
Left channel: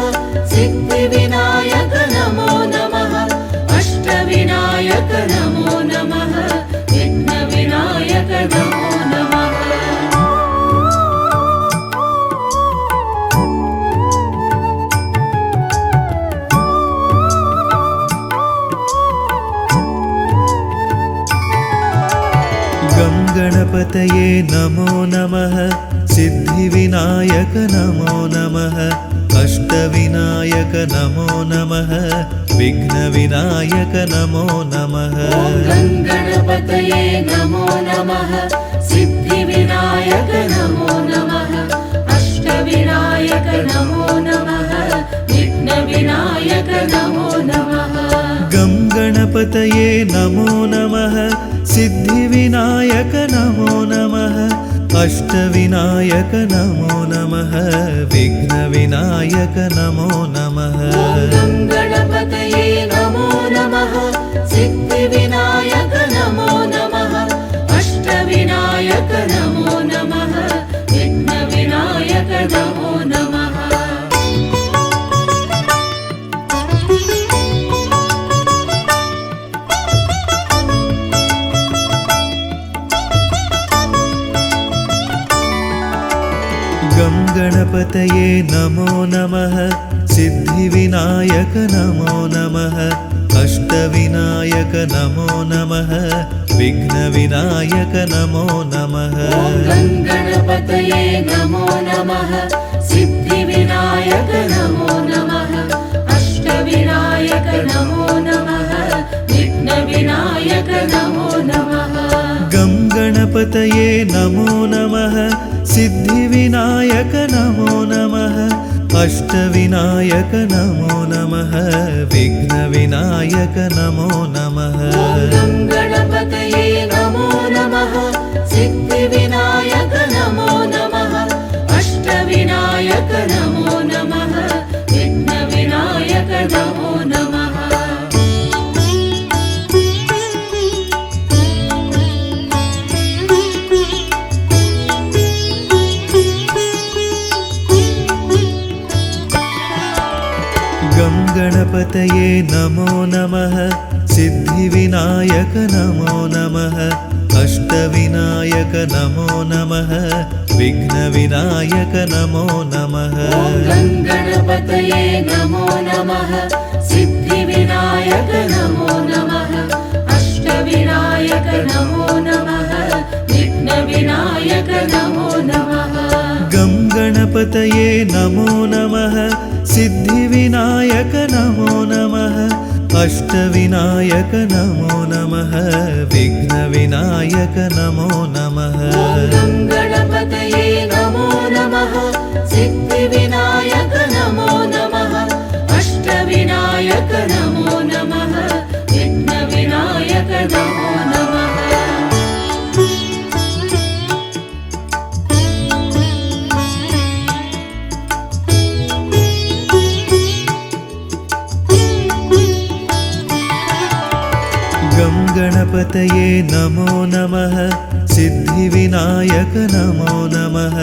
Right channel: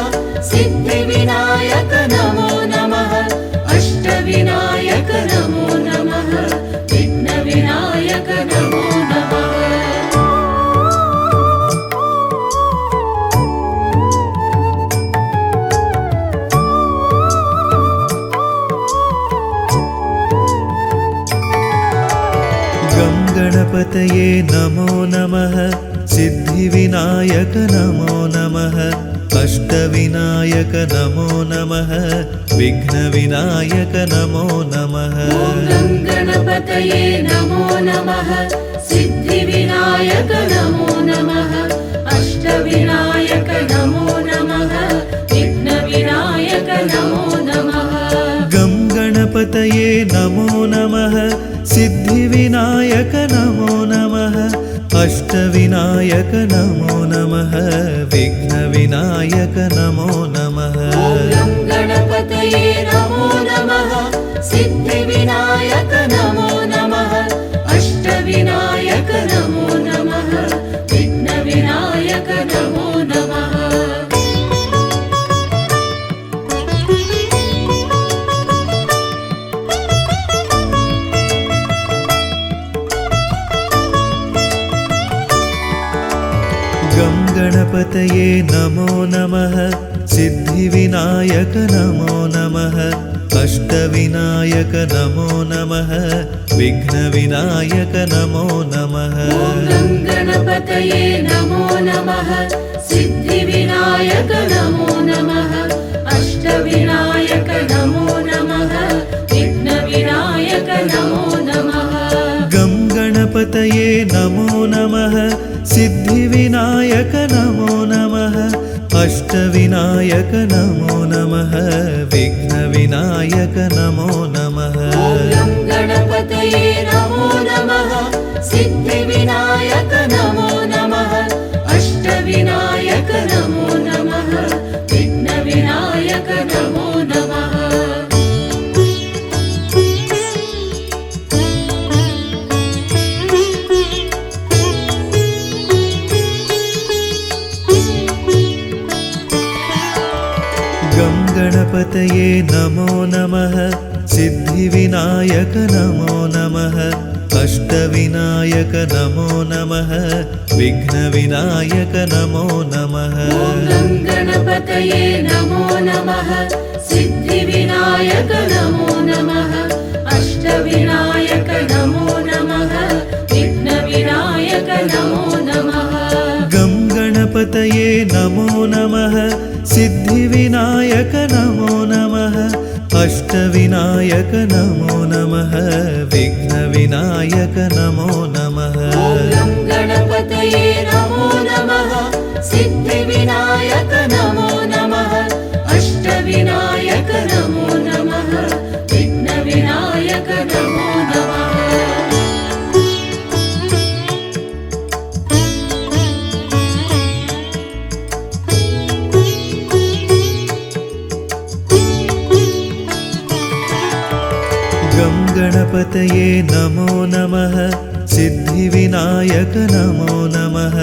सिद्धिविनायक नमो नमः अष्टविनायक नमो नमः विघ्नविनायक नमो नमः गणपतये नमो नमः सिद्धिविनायक नमो नमः अष्टविनायक नमो नमः विघ्नविनायक नमो नमः गं गणपतये नमो नमः सिद्धिविनायक नमो नमः अष्टविनायक नमो नमः विघ्नविनायक नमो नमः गं गणपतये नमो नमः सिद्धिविनायक नमो नमः अष्टविनायक नमो नमः विघ्नविनायक नमो नमः गं गणपतये नमो नमः सिद्धिविनायक नमो नमः अष्टविनायक नमो नमः विघ्नविनायक नमो नमः गं गणपतये नमो नमः सिद्धिविनायक नमो नमः अष्टविनायक नमो नमः विघ्नविनायक नमो नमः गं गणपतये नमो नमः सिद्धिविनायक नमो नमः अष्टविनायक नमो नमः विघ्नविनायक नमो नमः गं गणपतये नमो नमः सिद्धिविनायक नमो नमः अष्टविनायक नमो नमः विघ्नविनायक नमो नमः गं गणपतये नमो नमः सिद्धिविनायक नमो नमः अष्टविनायक नमो नमः विघ्नविनायक नमो नमः गं गणपतये नमो नमः सिद्धिविनायक नमो नमः अष्टविनायक नमो नमः विघ्नविनायक नमो नमः गं गणपतये नमो नमः सिद्धिविनायक नमो नमः अष्टविनायक नमो नमः विघ्नविनायक नमो नमः गं गणपतये नमो नमः सिद्धिविनायक नमो नमः अष्टविनायक नमो नमः विघ्नविनायक नमो नमः गं गणपतये नमो नमः सिद्धिविनायक नमो नमः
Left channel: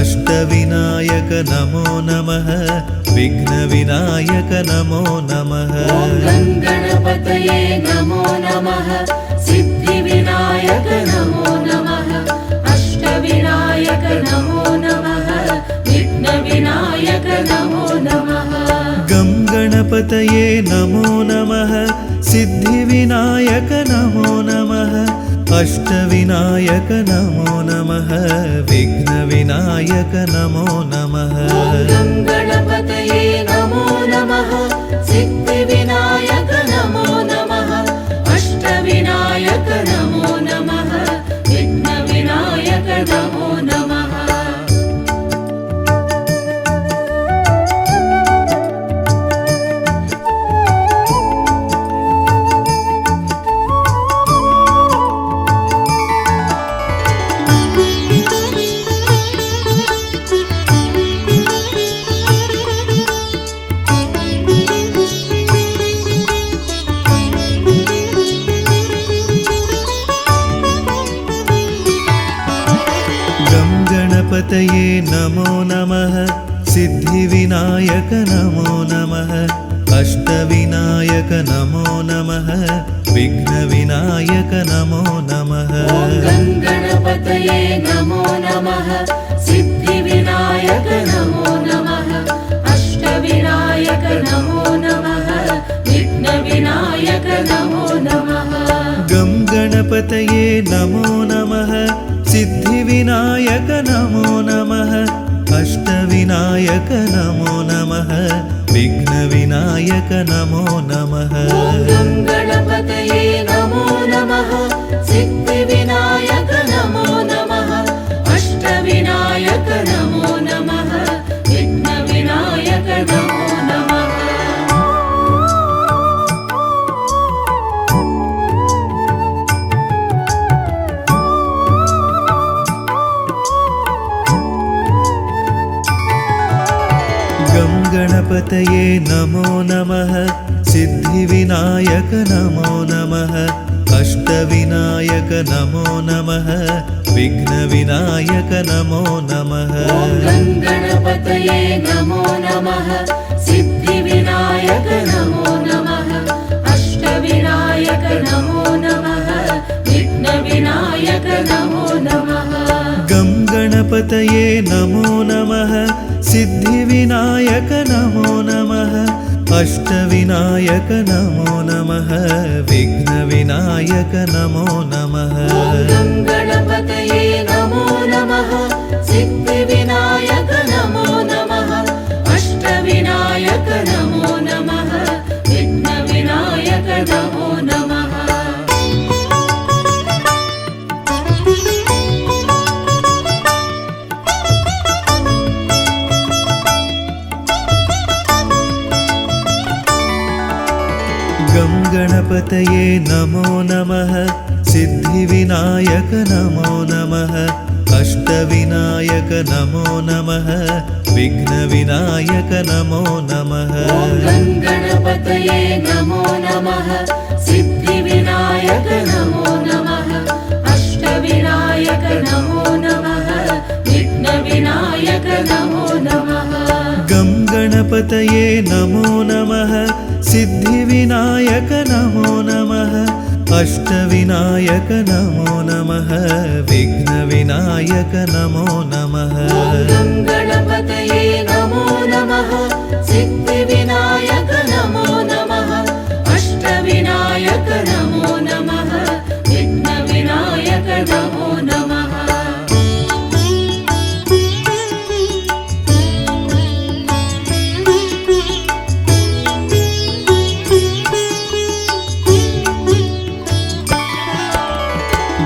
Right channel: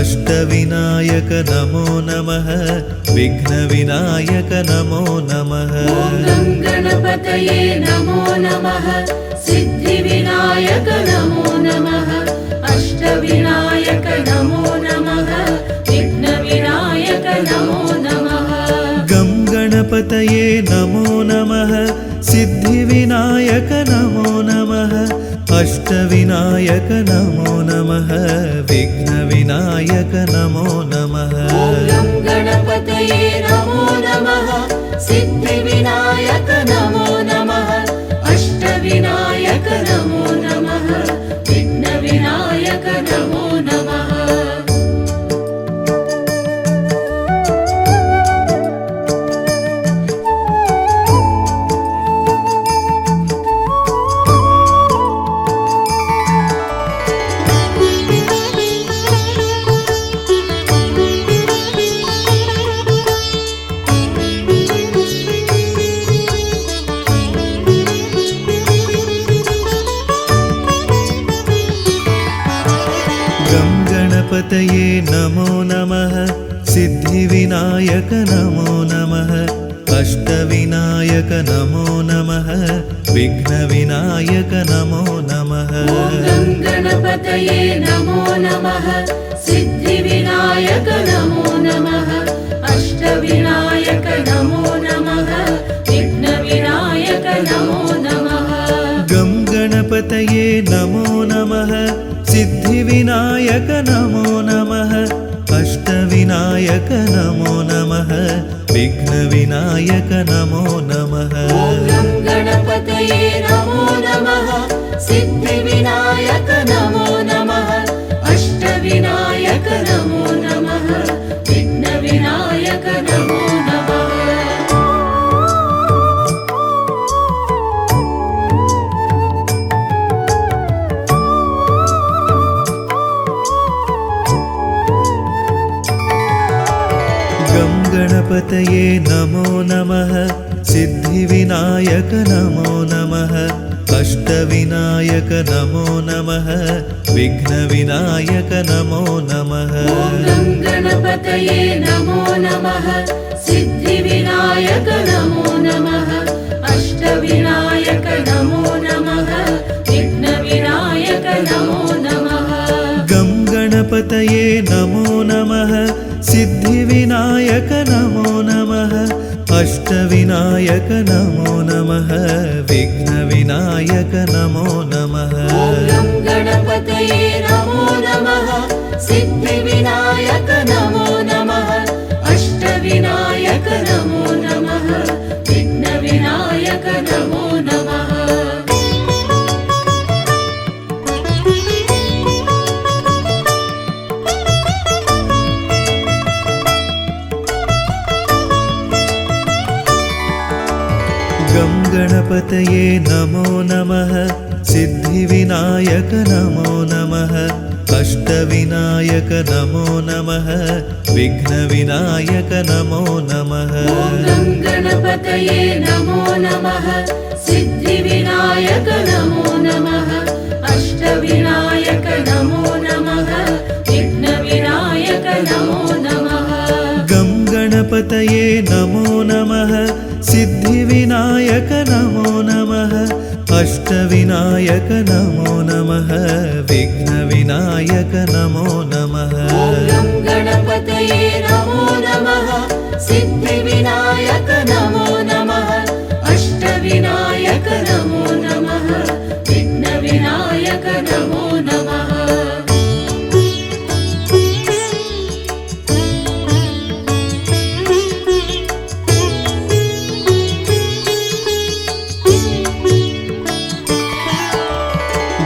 अष्टविनायक नमो नमः विघ्नविनायक नमो नमः गं गणपतये नमो नमः सिद्धिविनायक नमो नमः अष्टविनायक नमो नमः विघ्नविनायक नमो नमः गं गणपतये नमो नमः सिद्धिविनायक नमो नमः अष्टविनायक नमो नमः विघ्नविनायक नमो नमः गं गणपतये नमो नमः सिद्धिविनायक नमो नमः अष्टविनायक नमो नमः विघ्नविनायक नमो नमः गं गणपतये नमो नमः सिद्धिविनायक नमो नमः अष्टविनायक नमो नमः विघ्नविनायक नमो नमः गं गणपतये नमो नमः सिद्धिविनायक नमो नमः अष्टविनायक नमो नमः विघ्नविनायक नमो नमः गं गणपतये नमो नमः सिद्धिविनायक नमो नमः अष्टविनायक नमो नमः विघ्नविनायक नमो नमः गं गणपतये गणपतये नमो नमः सिद्धिविनायक नमो नमः अष्टविनायक नमो नमः विघ्नविनायक नमो नमः गणपतये नमो नमः सिद्धिविनायक नमो नमः अष्टविनायक नमो नमः विघ्नविनायक नमो नमः गं गणपतये नमो नमः सिद्धिविनायक नमो नमः अष्टविनायक नमो नमः विघ्नविनायक नमो नमः गणपतये नमो नमः सिद्धिविनायक नमो नमः अष्टविनायक नमो नमः विघ्नविनायक नमो नमः गं गणपतये नमो नमः सिद्धिविनायक नमो नमः अष्टविनायक नमो नमः विघ्नविनायक नमो नमः गणपतये नमो नमः सिद्धिविनायक नमो नमः अष्टविनायक नमो नमः विघ्नविनायक नमो नमः गं गणपतये नमो नमः सिद्धिविनायक नमो नमः अष्टविनायक नमो नमः विघ्नविनायक नमो नमः गणपतये नमो नमः सिद्धिविनायक नमो नमः अष्टविनायक नमो नमः विघ्नविनायक नमो नमः गं गणपतये नमो नमः सिद्धिविनायक नमो नमः अष्टविनायक नमो नमः विघ्नविनायक नमो नमः गणपतये नमो नमः सिद्धिविनायक नमो नमः अष्टविनायक नमो नमः विघ्नविनायक नमो नमः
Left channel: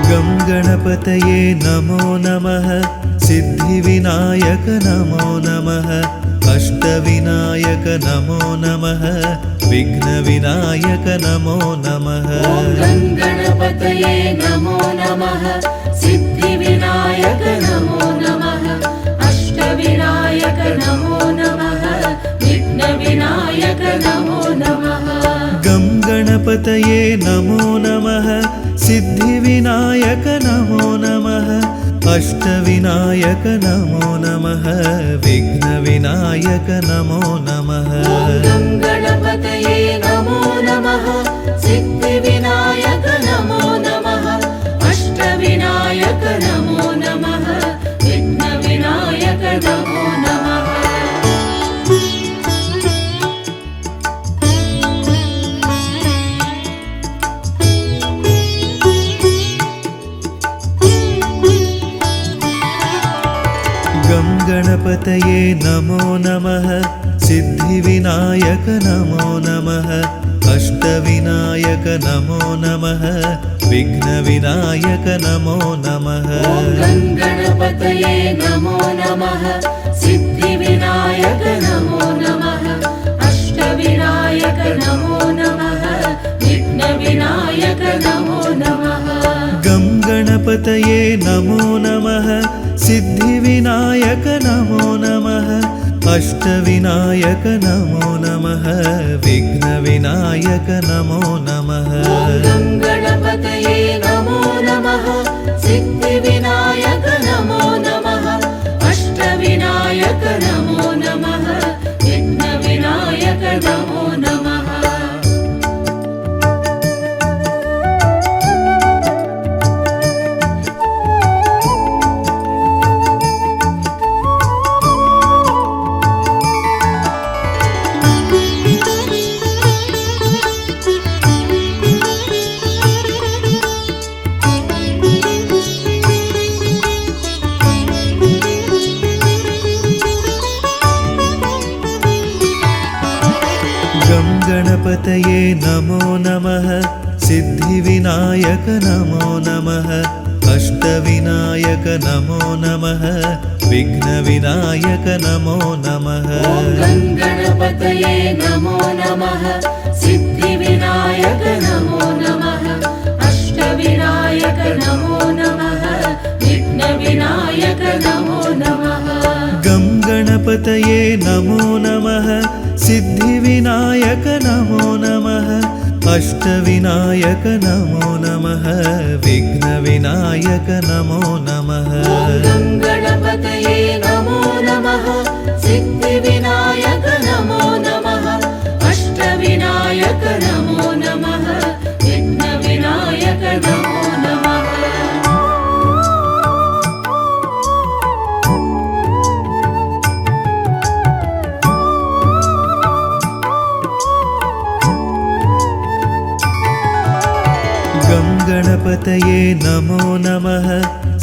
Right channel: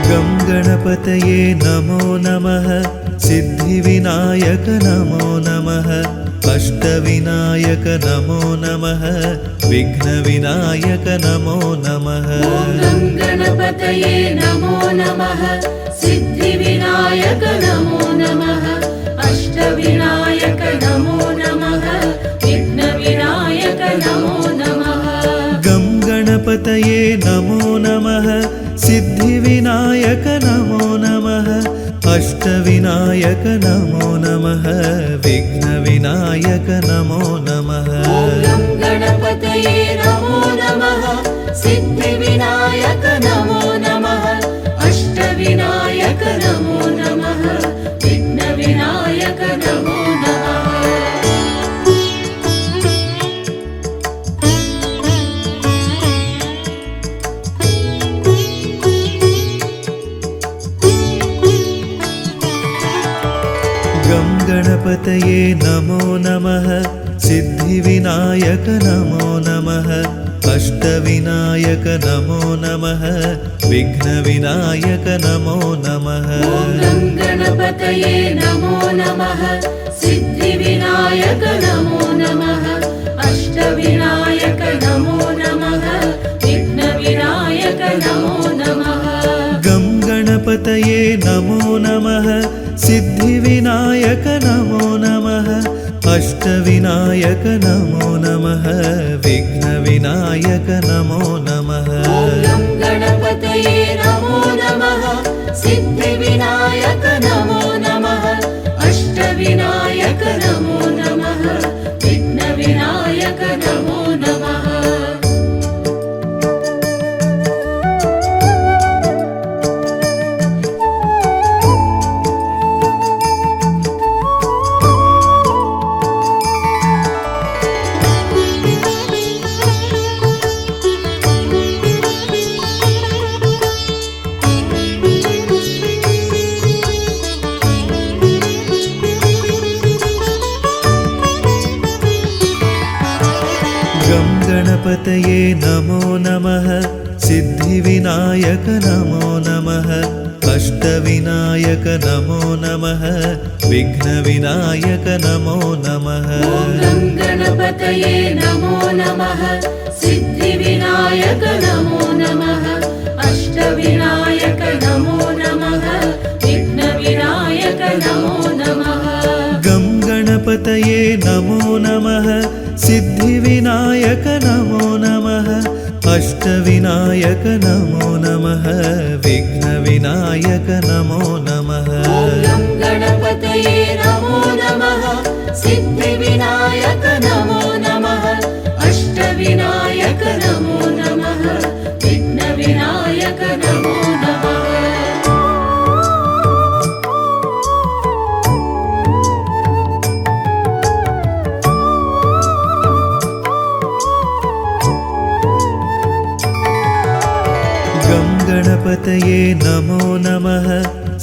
गं गणपतये नमो नमः सिद्धिविनायक नमो नमः अष्टविनायक नमो नमः विघ्नविनायक नमो नमः गणपतये नमो नमः सिद्धिविनायक नमो नमः अष्टविनायक नमो नमः विघ्नविनायक नमो नमः गं गणपतये नमो नमः सिद्धिविनायक नमो नमः अष्टविनायक नमो नमः विघ्नविनायक नमो नमः गणपतये नमो नमः सिद्धिविनायक नमो नमः अष्टविनायक नमो नमः विघ्नविनायक नमो नमः गं गणपतये नमो नमः सिद्धिविनायक नमो नमः अष्टविनायक नमो नमः विघ्नविनायक नमो नमः गणपतये नमो नमः सिद्धिविनायक नमो नमः अष्टविनायक नमो नमः विघ्नविनायक नमो नमः गं गणपतये नमो नमः सिद्धिविनायक नमो नमः अष्टविनायक नमो नमः विघ्नविनायक नमो नमः गणपतये नमो नमः सिद्धिविनायक नमो नमः अष्टविनायक नमो नमः विघ्नविनायक नमो नमः गणपतये नमो नमः सिद्धिविनायक नमो नमः अष्टविनायक नमो नमः विघ्नविनायक नमो नमः गं गणपतये नमो नमः सिद्धिविनायक नमो नमः अष्टविनायक नमो नमः विघ्नविनायक नमो नमः गं गणपतये नमो नमः सिद्धिविनायक नमो नमः अष्टविनायक नमो नमः विघ्नविनायक नमो नमः गं गणपतये नमो नमः सिद्धिविनायक नमो नमः अष्टविनायक नमो नमः विघ्नविनायक नमो नमः गं गणपतये नमो नमः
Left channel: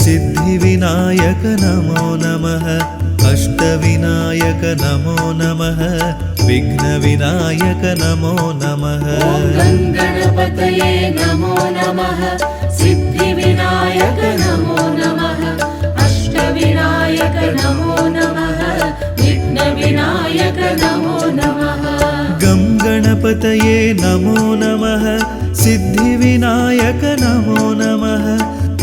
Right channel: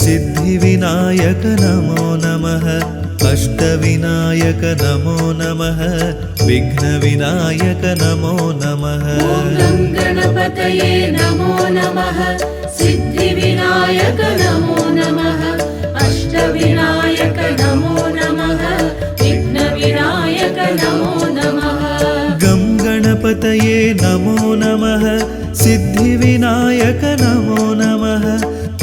सिद्धिविनायक नमो नमः अष्टविनायक नमो नमः विघ्नविनायक नमो नमः गं गणपतये नमो नमः सिद्धिविनायक नमो नमः अष्टविनायक नमो नमः विघ्नविनायक नमो नमः गं गणपतये नमो नमः सिद्धिविनायक नमो नमः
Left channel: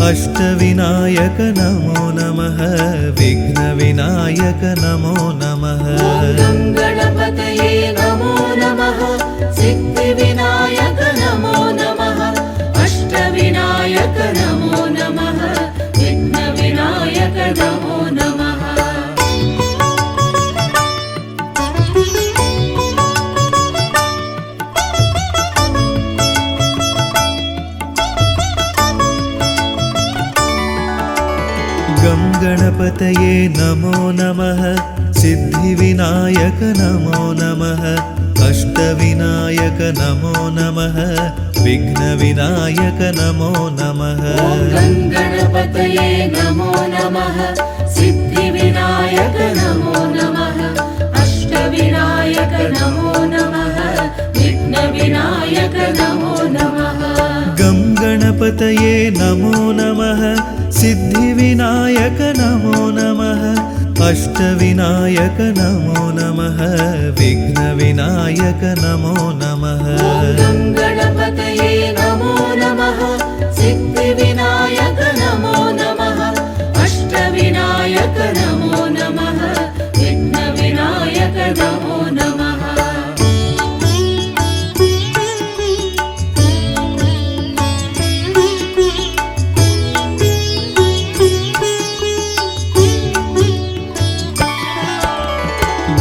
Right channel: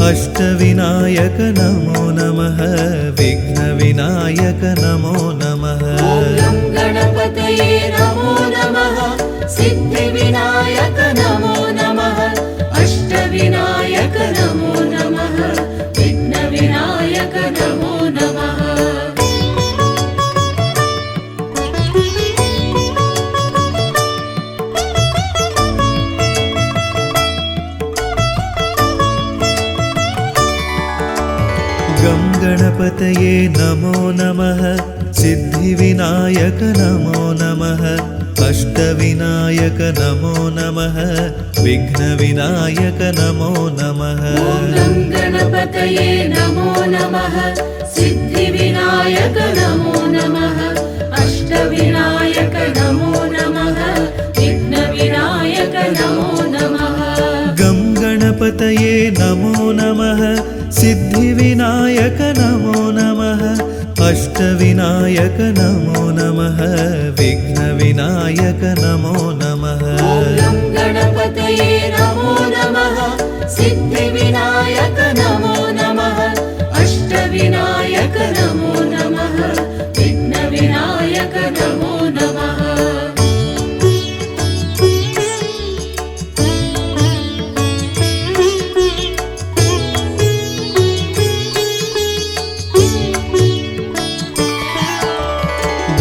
अष्टविनायक नमो नमः विघ्नविनायक नमो नमः गं गणपतये नमो नमः सिद्धिविनायक नमो नमः अष्टविनायक नमो नमः विघ्नविनायक नमो नमः गं गणपतये नमो नमः सिद्धिविनायक नमो नमः अष्टविनायक नमो नमः विघ्नविनायक नमो नमः गं गणपतये नमो नमः सिद्धिविनायक नमो नमः अष्टविनायक नमो नमः विघ्नविनायक नमो नमः गं गणपतये नमो नमः सिद्धिविनायक नमो नमः अष्टविनायक नमो नमः विघ्नविनायक नमो नमः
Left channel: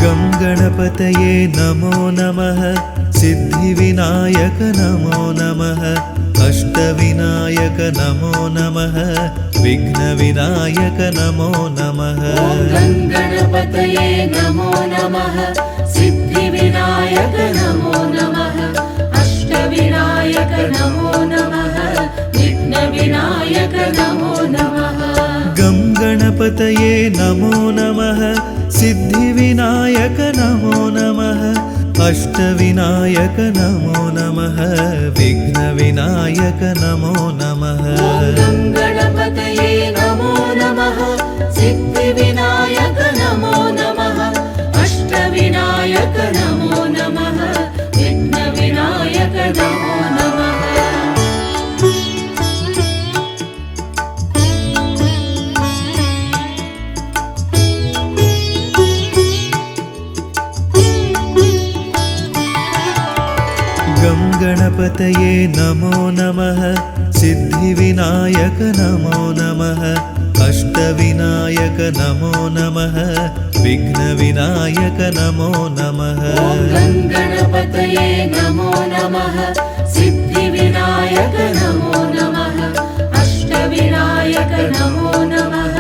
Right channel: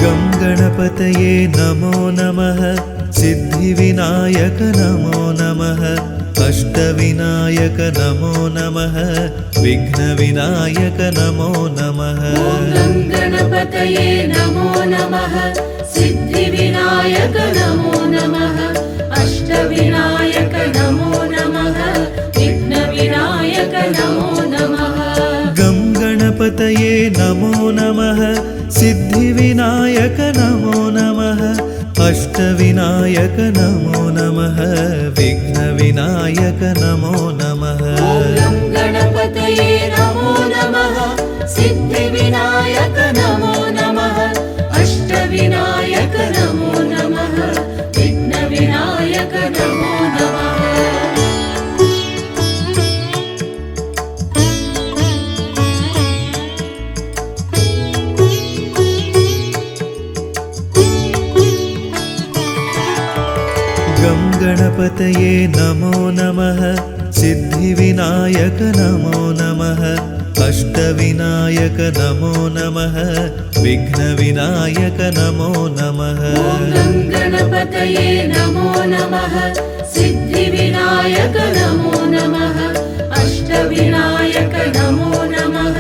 गं गणपतये नमो नमः सिद्धिविनायक नमो नमः अष्टविनायक नमो नमः विघ्नविनायक नमो नमः गं गणपतये नमो नमः सिद्धिविनायक नमो नमः अष्टविनायक नमो नमः विघ्नविनायक नमो नमः गं गणपतये नमो नमः सिद्धिविनायक नमो नमः अष्टविनायक नमो नमः विघ्नविनायक नमो नमः गं गणपतये नमो नमः सिद्धिविनायक नमो नमः अष्टविनायक नमो नमः विघ्नविनायक नमो नमः गं गणपतये नमो नमः सिद्धिविनायक नमो नमः अष्टविनायक नमो नमः विघ्नविनायक नमो नमः गं गणपतये नमो नमः सिद्धिविनायक नमो नमः अष्टविनायक नमो नमः विघ्नविनायक नमो नमः गं गणपतये नमो नमः सिद्धिविनायक नमो नमः अष्टविनायक नमो नमः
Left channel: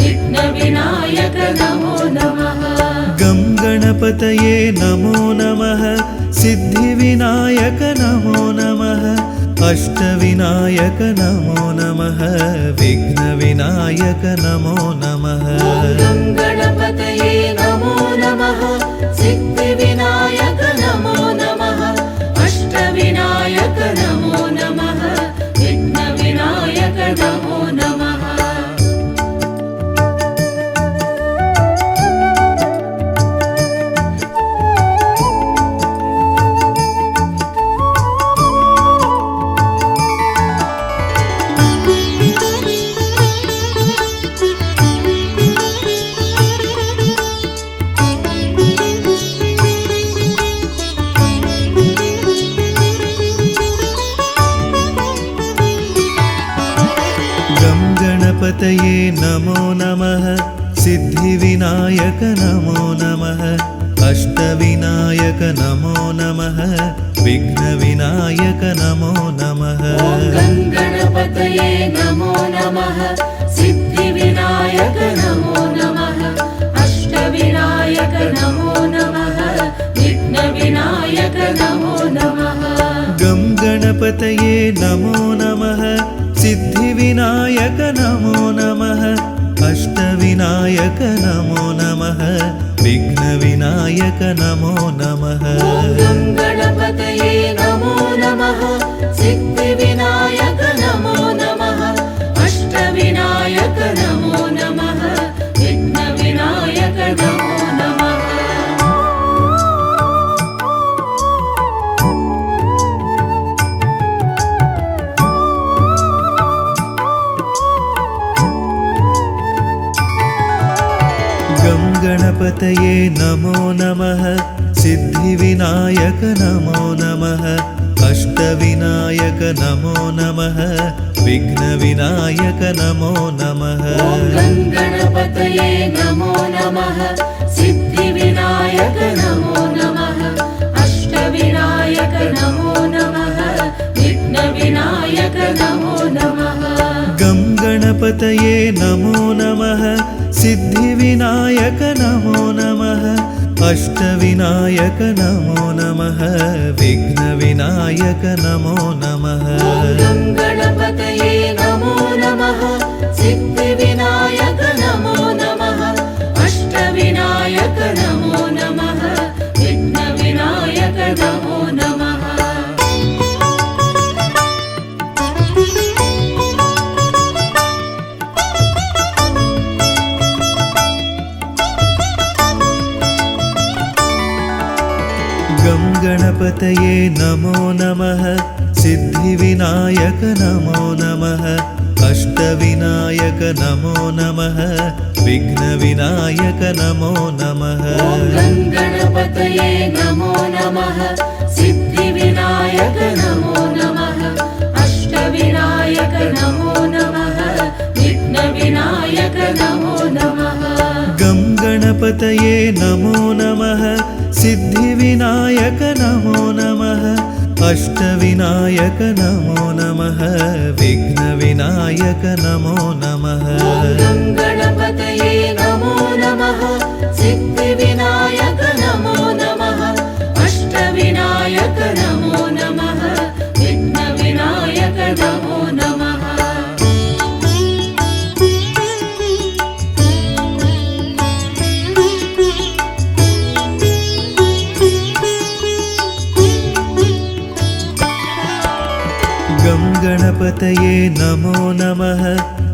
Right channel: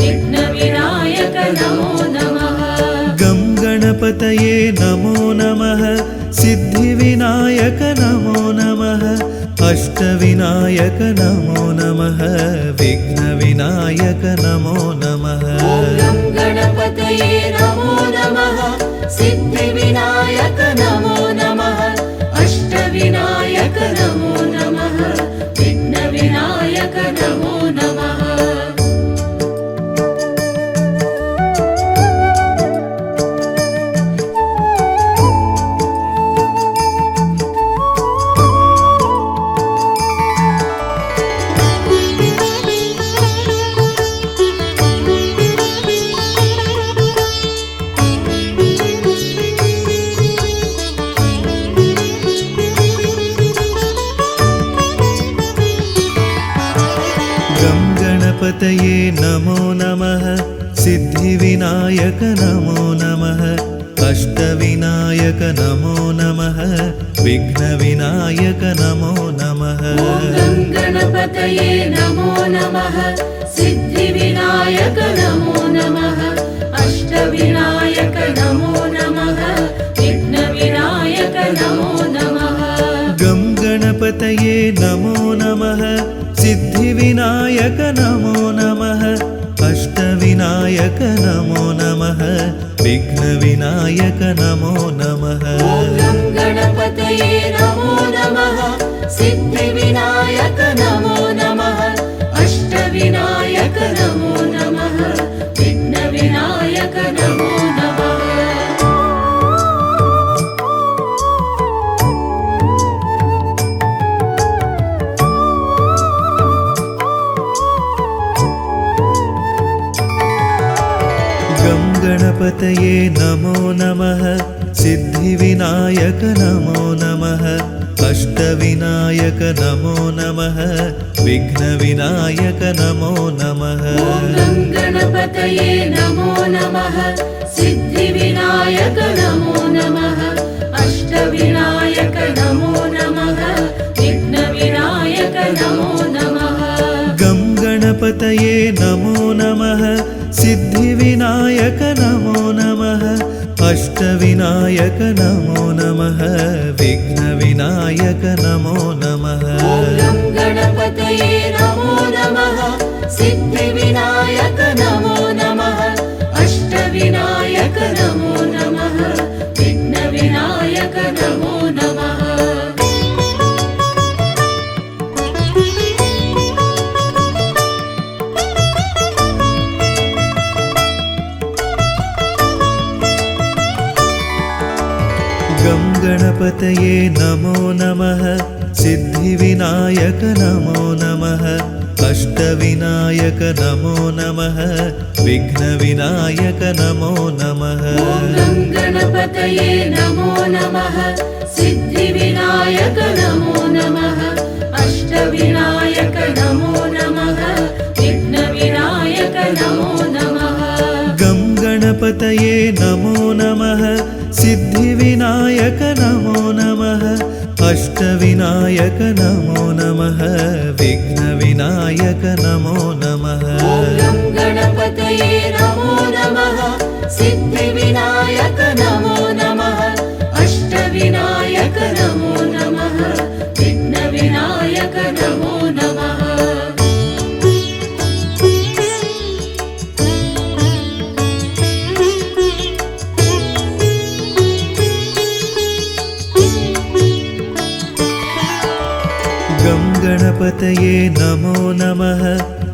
विघ्नविनायक नमो नमः गं गणपतये नमो नमः सिद्धिविनायक नमो नमः अष्टविनायक नमो नमः विघ्नविनायक नमो नमः गं गणपतये नमो नमः सिद्धिविनायक नमो नमः गणपतये नमो नमः सिद्धिविनायक नमो नमः अष्टविनायक नमो नमः विघ्नविनायक नमो नमः गं गणपतये नमो नमः सिद्धिविनायक नमो नमः अष्टविनायक नमो नमः विघ्नविनायक नमो नमः गं गणपतये नमो नमः सिद्धिविनायक नमो नमः अष्टविनायक नमो नमः विघ्नविनायक नमो नमः गं गणपतये नमो नमः सिद्धिविनायक नमो नमः अष्टविनायक नमो नमः विघ्नविनायक नमो नमः गं गणपतये नमो नमः सिद्धिविनायक नमो नमः अष्टविनायक नमो नमः विघ्नविनायक नमो नमः गं गणपतये नमो नमः सिद्धिविनायक नमो नमः अष्टविनायक नमो नमः विघ्नविनायक नमो नमः गं गणपतये नमो नमः सिद्धिविनायक नमो नमः अष्टविनायक नमो नमः विघ्नविनायक नमो नमः गं गणपतये नमो नमः सिद्धिविनायक नमो नमः अष्टविनायक नमो नमः विघ्नविनायक नमो नमः गं गणपतये नमो नमः सिद्धिविनायक नमो नमः अष्टविनायक नमो नमः विघ्नविनायक नमो नमः गं गणपतये नमो नमः सिद्धिविनायक नमो नमः अष्टविनायक नमो नमः विघ्नविनायक नमो नमः गं गणपतये नमो नमः सिद्धिविनायक नमो नमः अष्टविनायक नमो नमः विघ्नविनायक नमो नमः गं गणपतये नमो नमः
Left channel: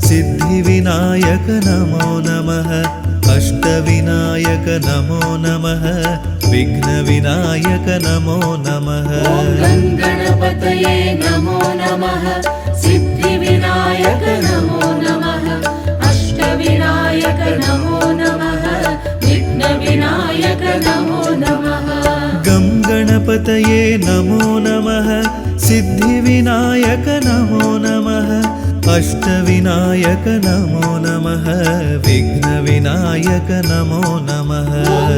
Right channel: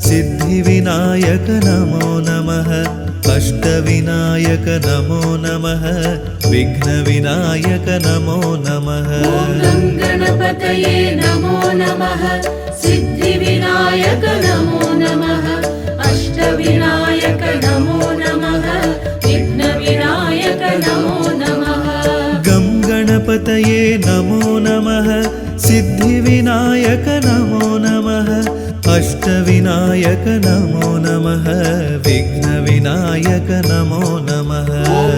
सिद्धिविनायक नमो नमः अष्टविनायक नमो नमः विघ्नविनायक नमो नमः गं गणपतये नमो नमः सिद्धिविनायक नमो नमः अष्टविनायक नमो नमः विघ्नविनायक नमो नमः गं गणपतये नमो नमः सिद्धिविनायक नमो नमः अष्टविनायक नमो नमः विघ्नविनायक नमो नमः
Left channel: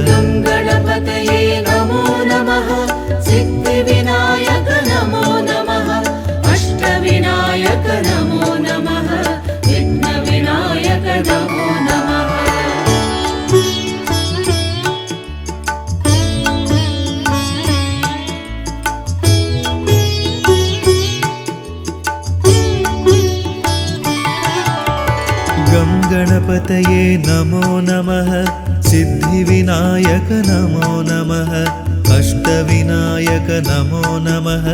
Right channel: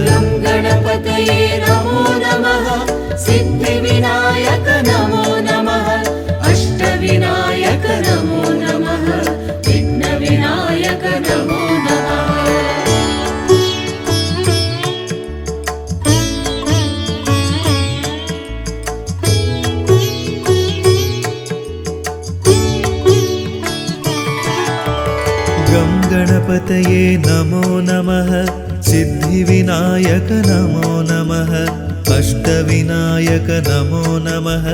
गं गणपतये नमो नमः सिद्धिविनायक नमो नमः अष्टविनायक नमो नमः विघ्नविनायक नमो नमः गं गणपतये नमो नमः सिद्धिविनायक नमो नमः अष्टविनायक नमो नमः विघ्नविनायक नमो नमः गं गणपतये नमो नमः सिद्धिविनायक नमो नमः अष्टविनायक नमो नमः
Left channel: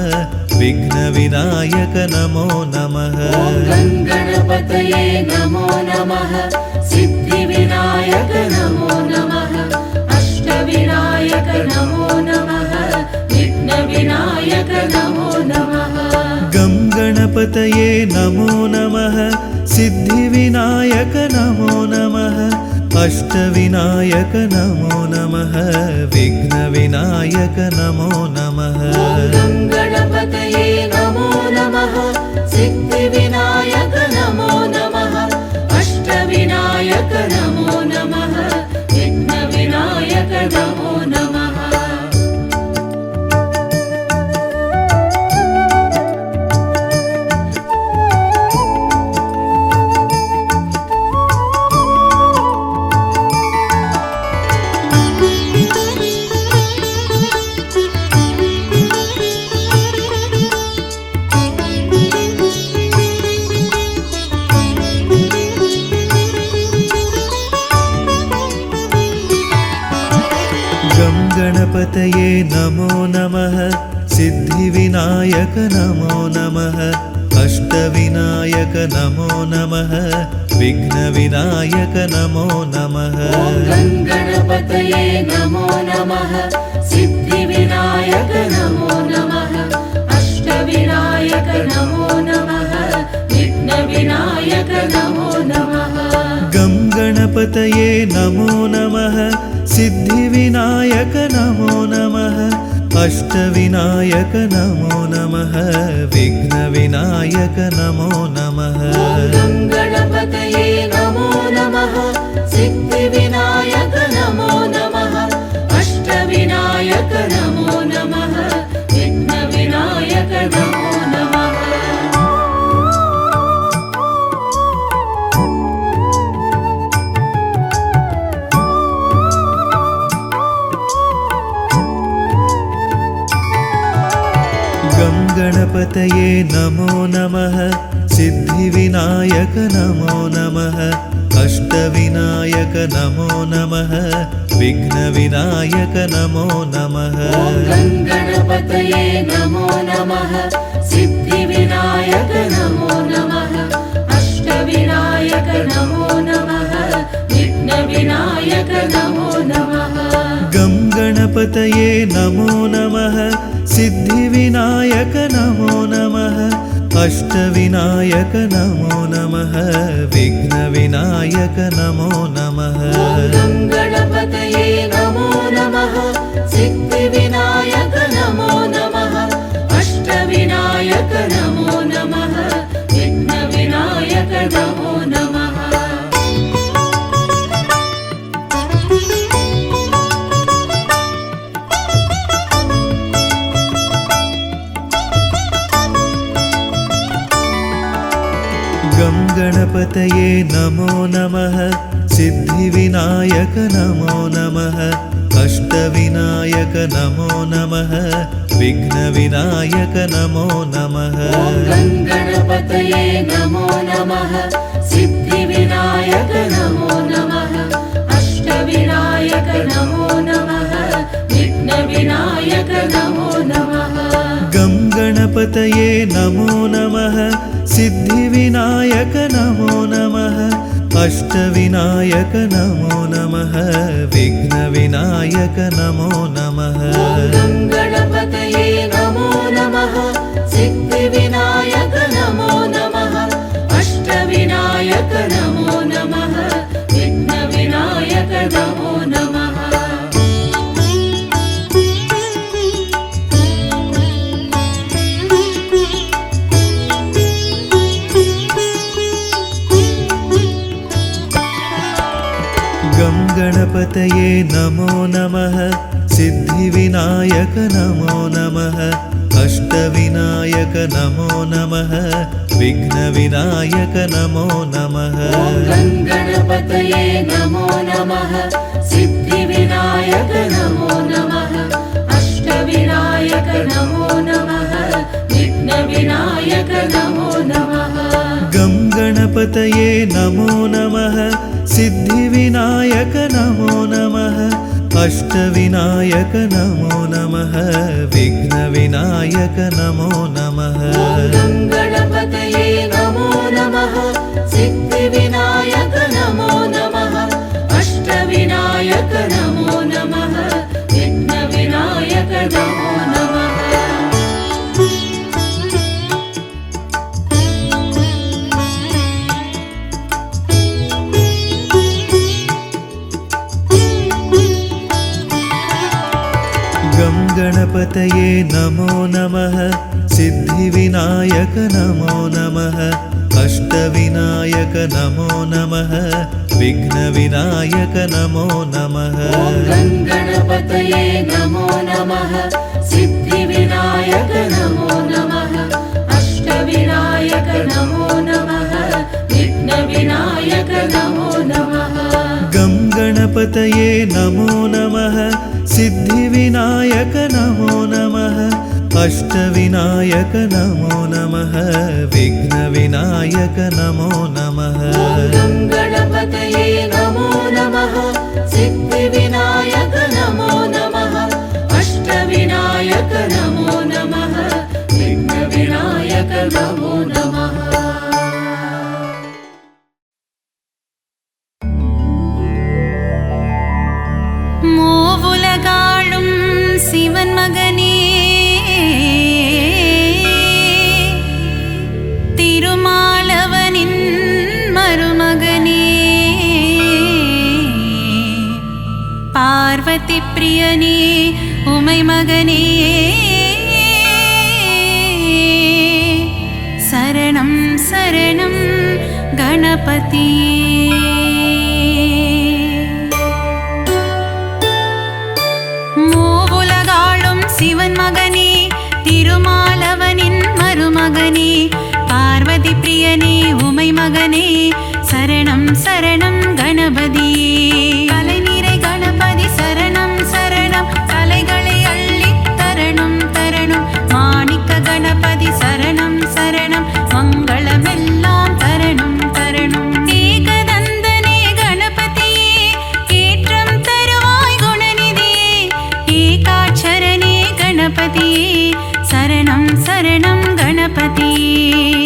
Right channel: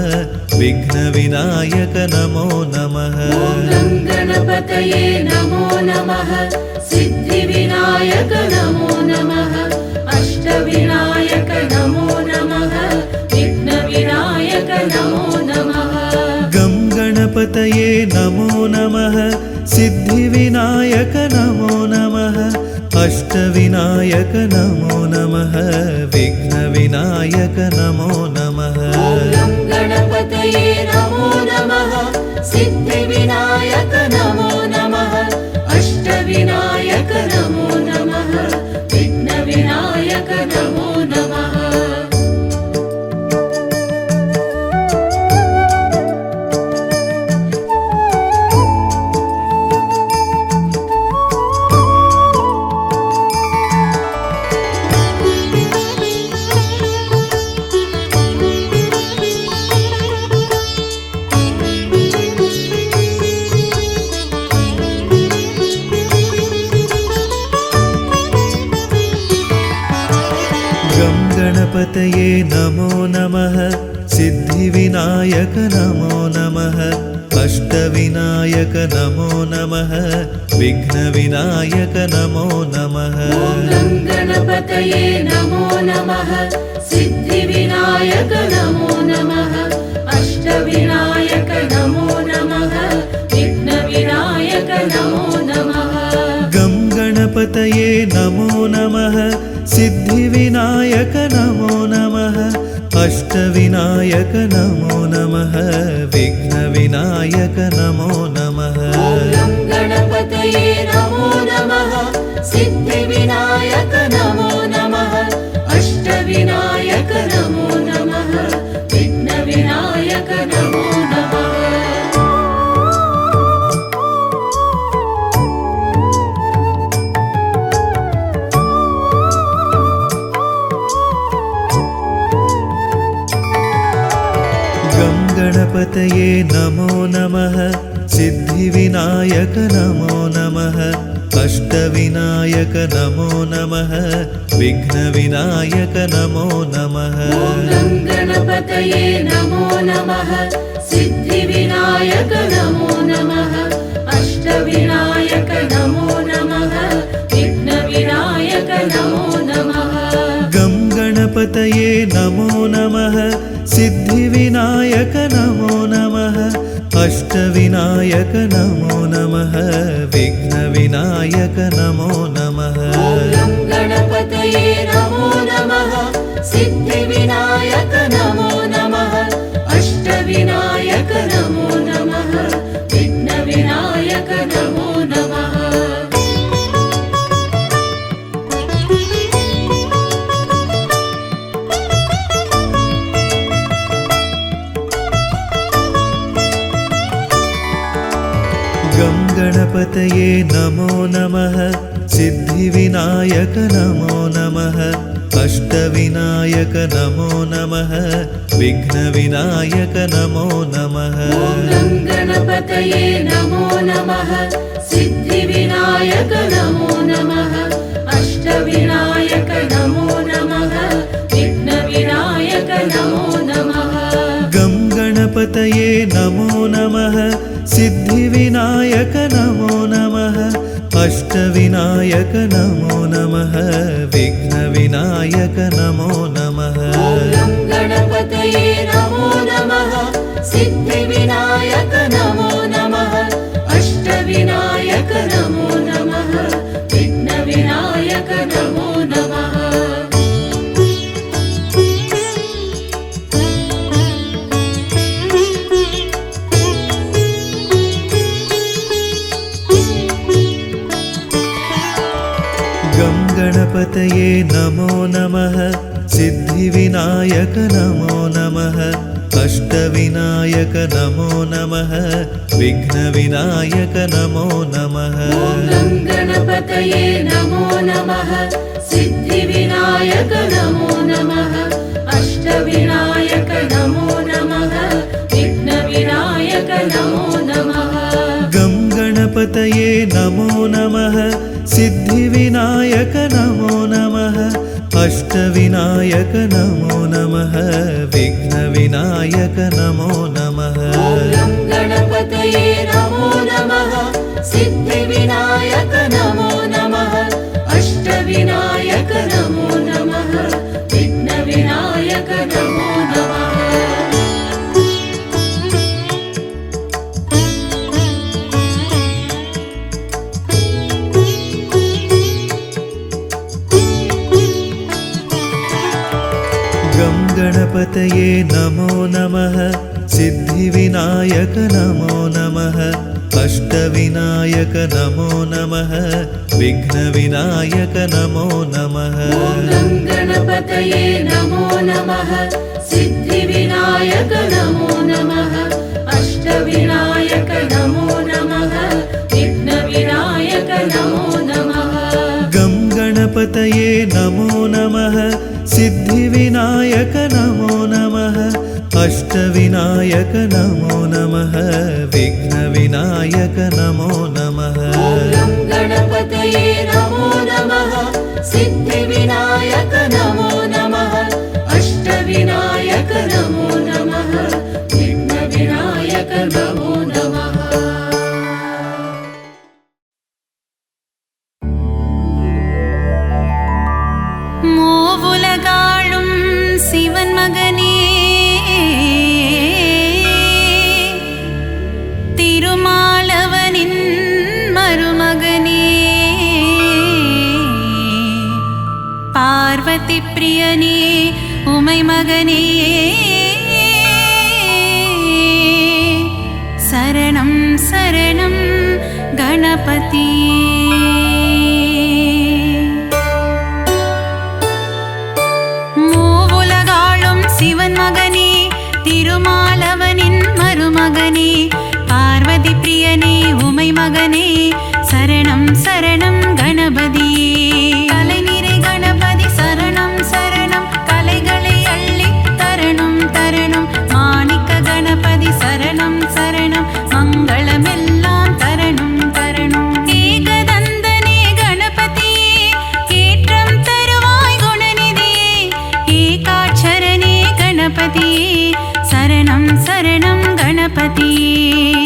विघ्नविनायक नमो नमः गं गणपतये नमो नमः सिद्धिविनायक नमो नमः अष्टविनायक नमो नमः विघ्नविनायक नमो नमः गं गणपतये नमो नमः सिद्धिविनायक नमो नमः अष्टविनायक नमो नमः विघ्नविनायक नमो नमः गं गणपतये नमो नमः सिद्धिविनायक नमो नमः गणपतये नमो नमः सिद्धिविनायक नमो नमः अष्टविनायक नमो नमः विघ्नविनायक नमो नमः गणपतये नमो नमः सिद्धिविनायक नमो नमः अष्टविनायक नमो नमः विघ्नविनायक नमो नमः गं गणपतये नमो नमः सिद्धिविनायक नमो नमः अष्टविनायक नमो नमः विघ्नविनायक नमो नमः गणपतये नमो नमः सिद्धिविनायक नमो नमः अष्टविनायक नमो नमः विघ्नविनायक नमो नमः गं गणपतये नमो नमः सिद्धिविनायक नमो नमः अष्टविनायक नमो नमः विघ्नविनायक नमो नमः गणपतये नमो नमः सिद्धिविनायक नमो नमः अष्टविनायक नमो नमः विघ्नविनायक नमो नमः गं गणपतये नमो नमः सिद्धिविनायक नमो नमः अष्टविनायक नमो नमः विघ्नविनायक नमो नमः गणपतये नमो नमः सिद्धिविनायक नमो नमः अष्टविनायक नमो नमः विघ्नविनायक नमो नमः गं गणपतये नमो नमः सिद्धिविनायक नमो नमः अष्टविनायक नमो नमः विघ्नविनायक नमो नमः गणपतये नमो नमः सिद्धिविनायक नमो नमः अष्टविनायक नमो नमः विघ्नविनायक नमो नमः गं गणपतये नमो नमः सिद्धिविनायक नमो नमः अष्टविनायक नमो नमः विघ्नविनायक नमो नमः गणपतये नमो नमः सिद्धिविनायक नमो नमः अष्टविनायक नमो नमः विघ्नविनायक नमो नमः गं गणपतये नमो नमः सिद्धिविनायक नमो नमः अष्टविनायक नमो नमः विघ्नविनायक नमो नमः गणपतये नमो नमः सिद्धिविनायक नमो नमः अष्टविनायक नमो नमः विघ्नविनायक नमो नमः गं गणपतये नमो नमः सिद्धिविनायक नमो नमः अष्टविनायक नमो नमः विघ्नविनायक नमो नमः गणपतये नमो नमः सिद्धिविनायक नमो नमः अष्टविनायक नमो नमः विघ्नविनायक नमो नमः गं गणपतये नमो नमः सिद्धिविनायक नमो नमः अष्टविनायक नमो नमः विघ्नविनायक नमो नमः गणपतये नमो नमः सिद्धिविनायक नमो नमः अष्टविनायक नमो नमः विघ्नविनायक नमो नमः गं गणपतये नमो नमः सिद्धिविनायक नमो नमः अष्टविनायक नमो नमः विघ्नविनायक नमो नमः गणपतये नमो नमः सिद्धिविनायक नमो नमः नमो नमः। மூவுலகாளும் சிவன் மகனே, திருமாலவனின் மருமகனே, பார்வதி பிரியனே உமை மகனே, சரணம் சரணம் கணபதியே. மூவுலகாளும் சிவன் மகனே, திருமாலவனின் மருமகனே, பார்வதி பிரியனே உமை மகனே, சரணம் சரணம் கணபதியே. கலைநிறை கணபதி சரணம் சரணம், கலைகளை அள்ளி தரணும் தரணும், மாணிக்க கணபதி சரணம் சரணம், மங்களமெல்லாம் தரணும் தரணும். ஏகதந்தனே கணபதியே, ஏற்றம் தருவாய் குணநிதியே, ஏகாட்சரனே கணபதியே, சரணம் சரணம் கணபதியே.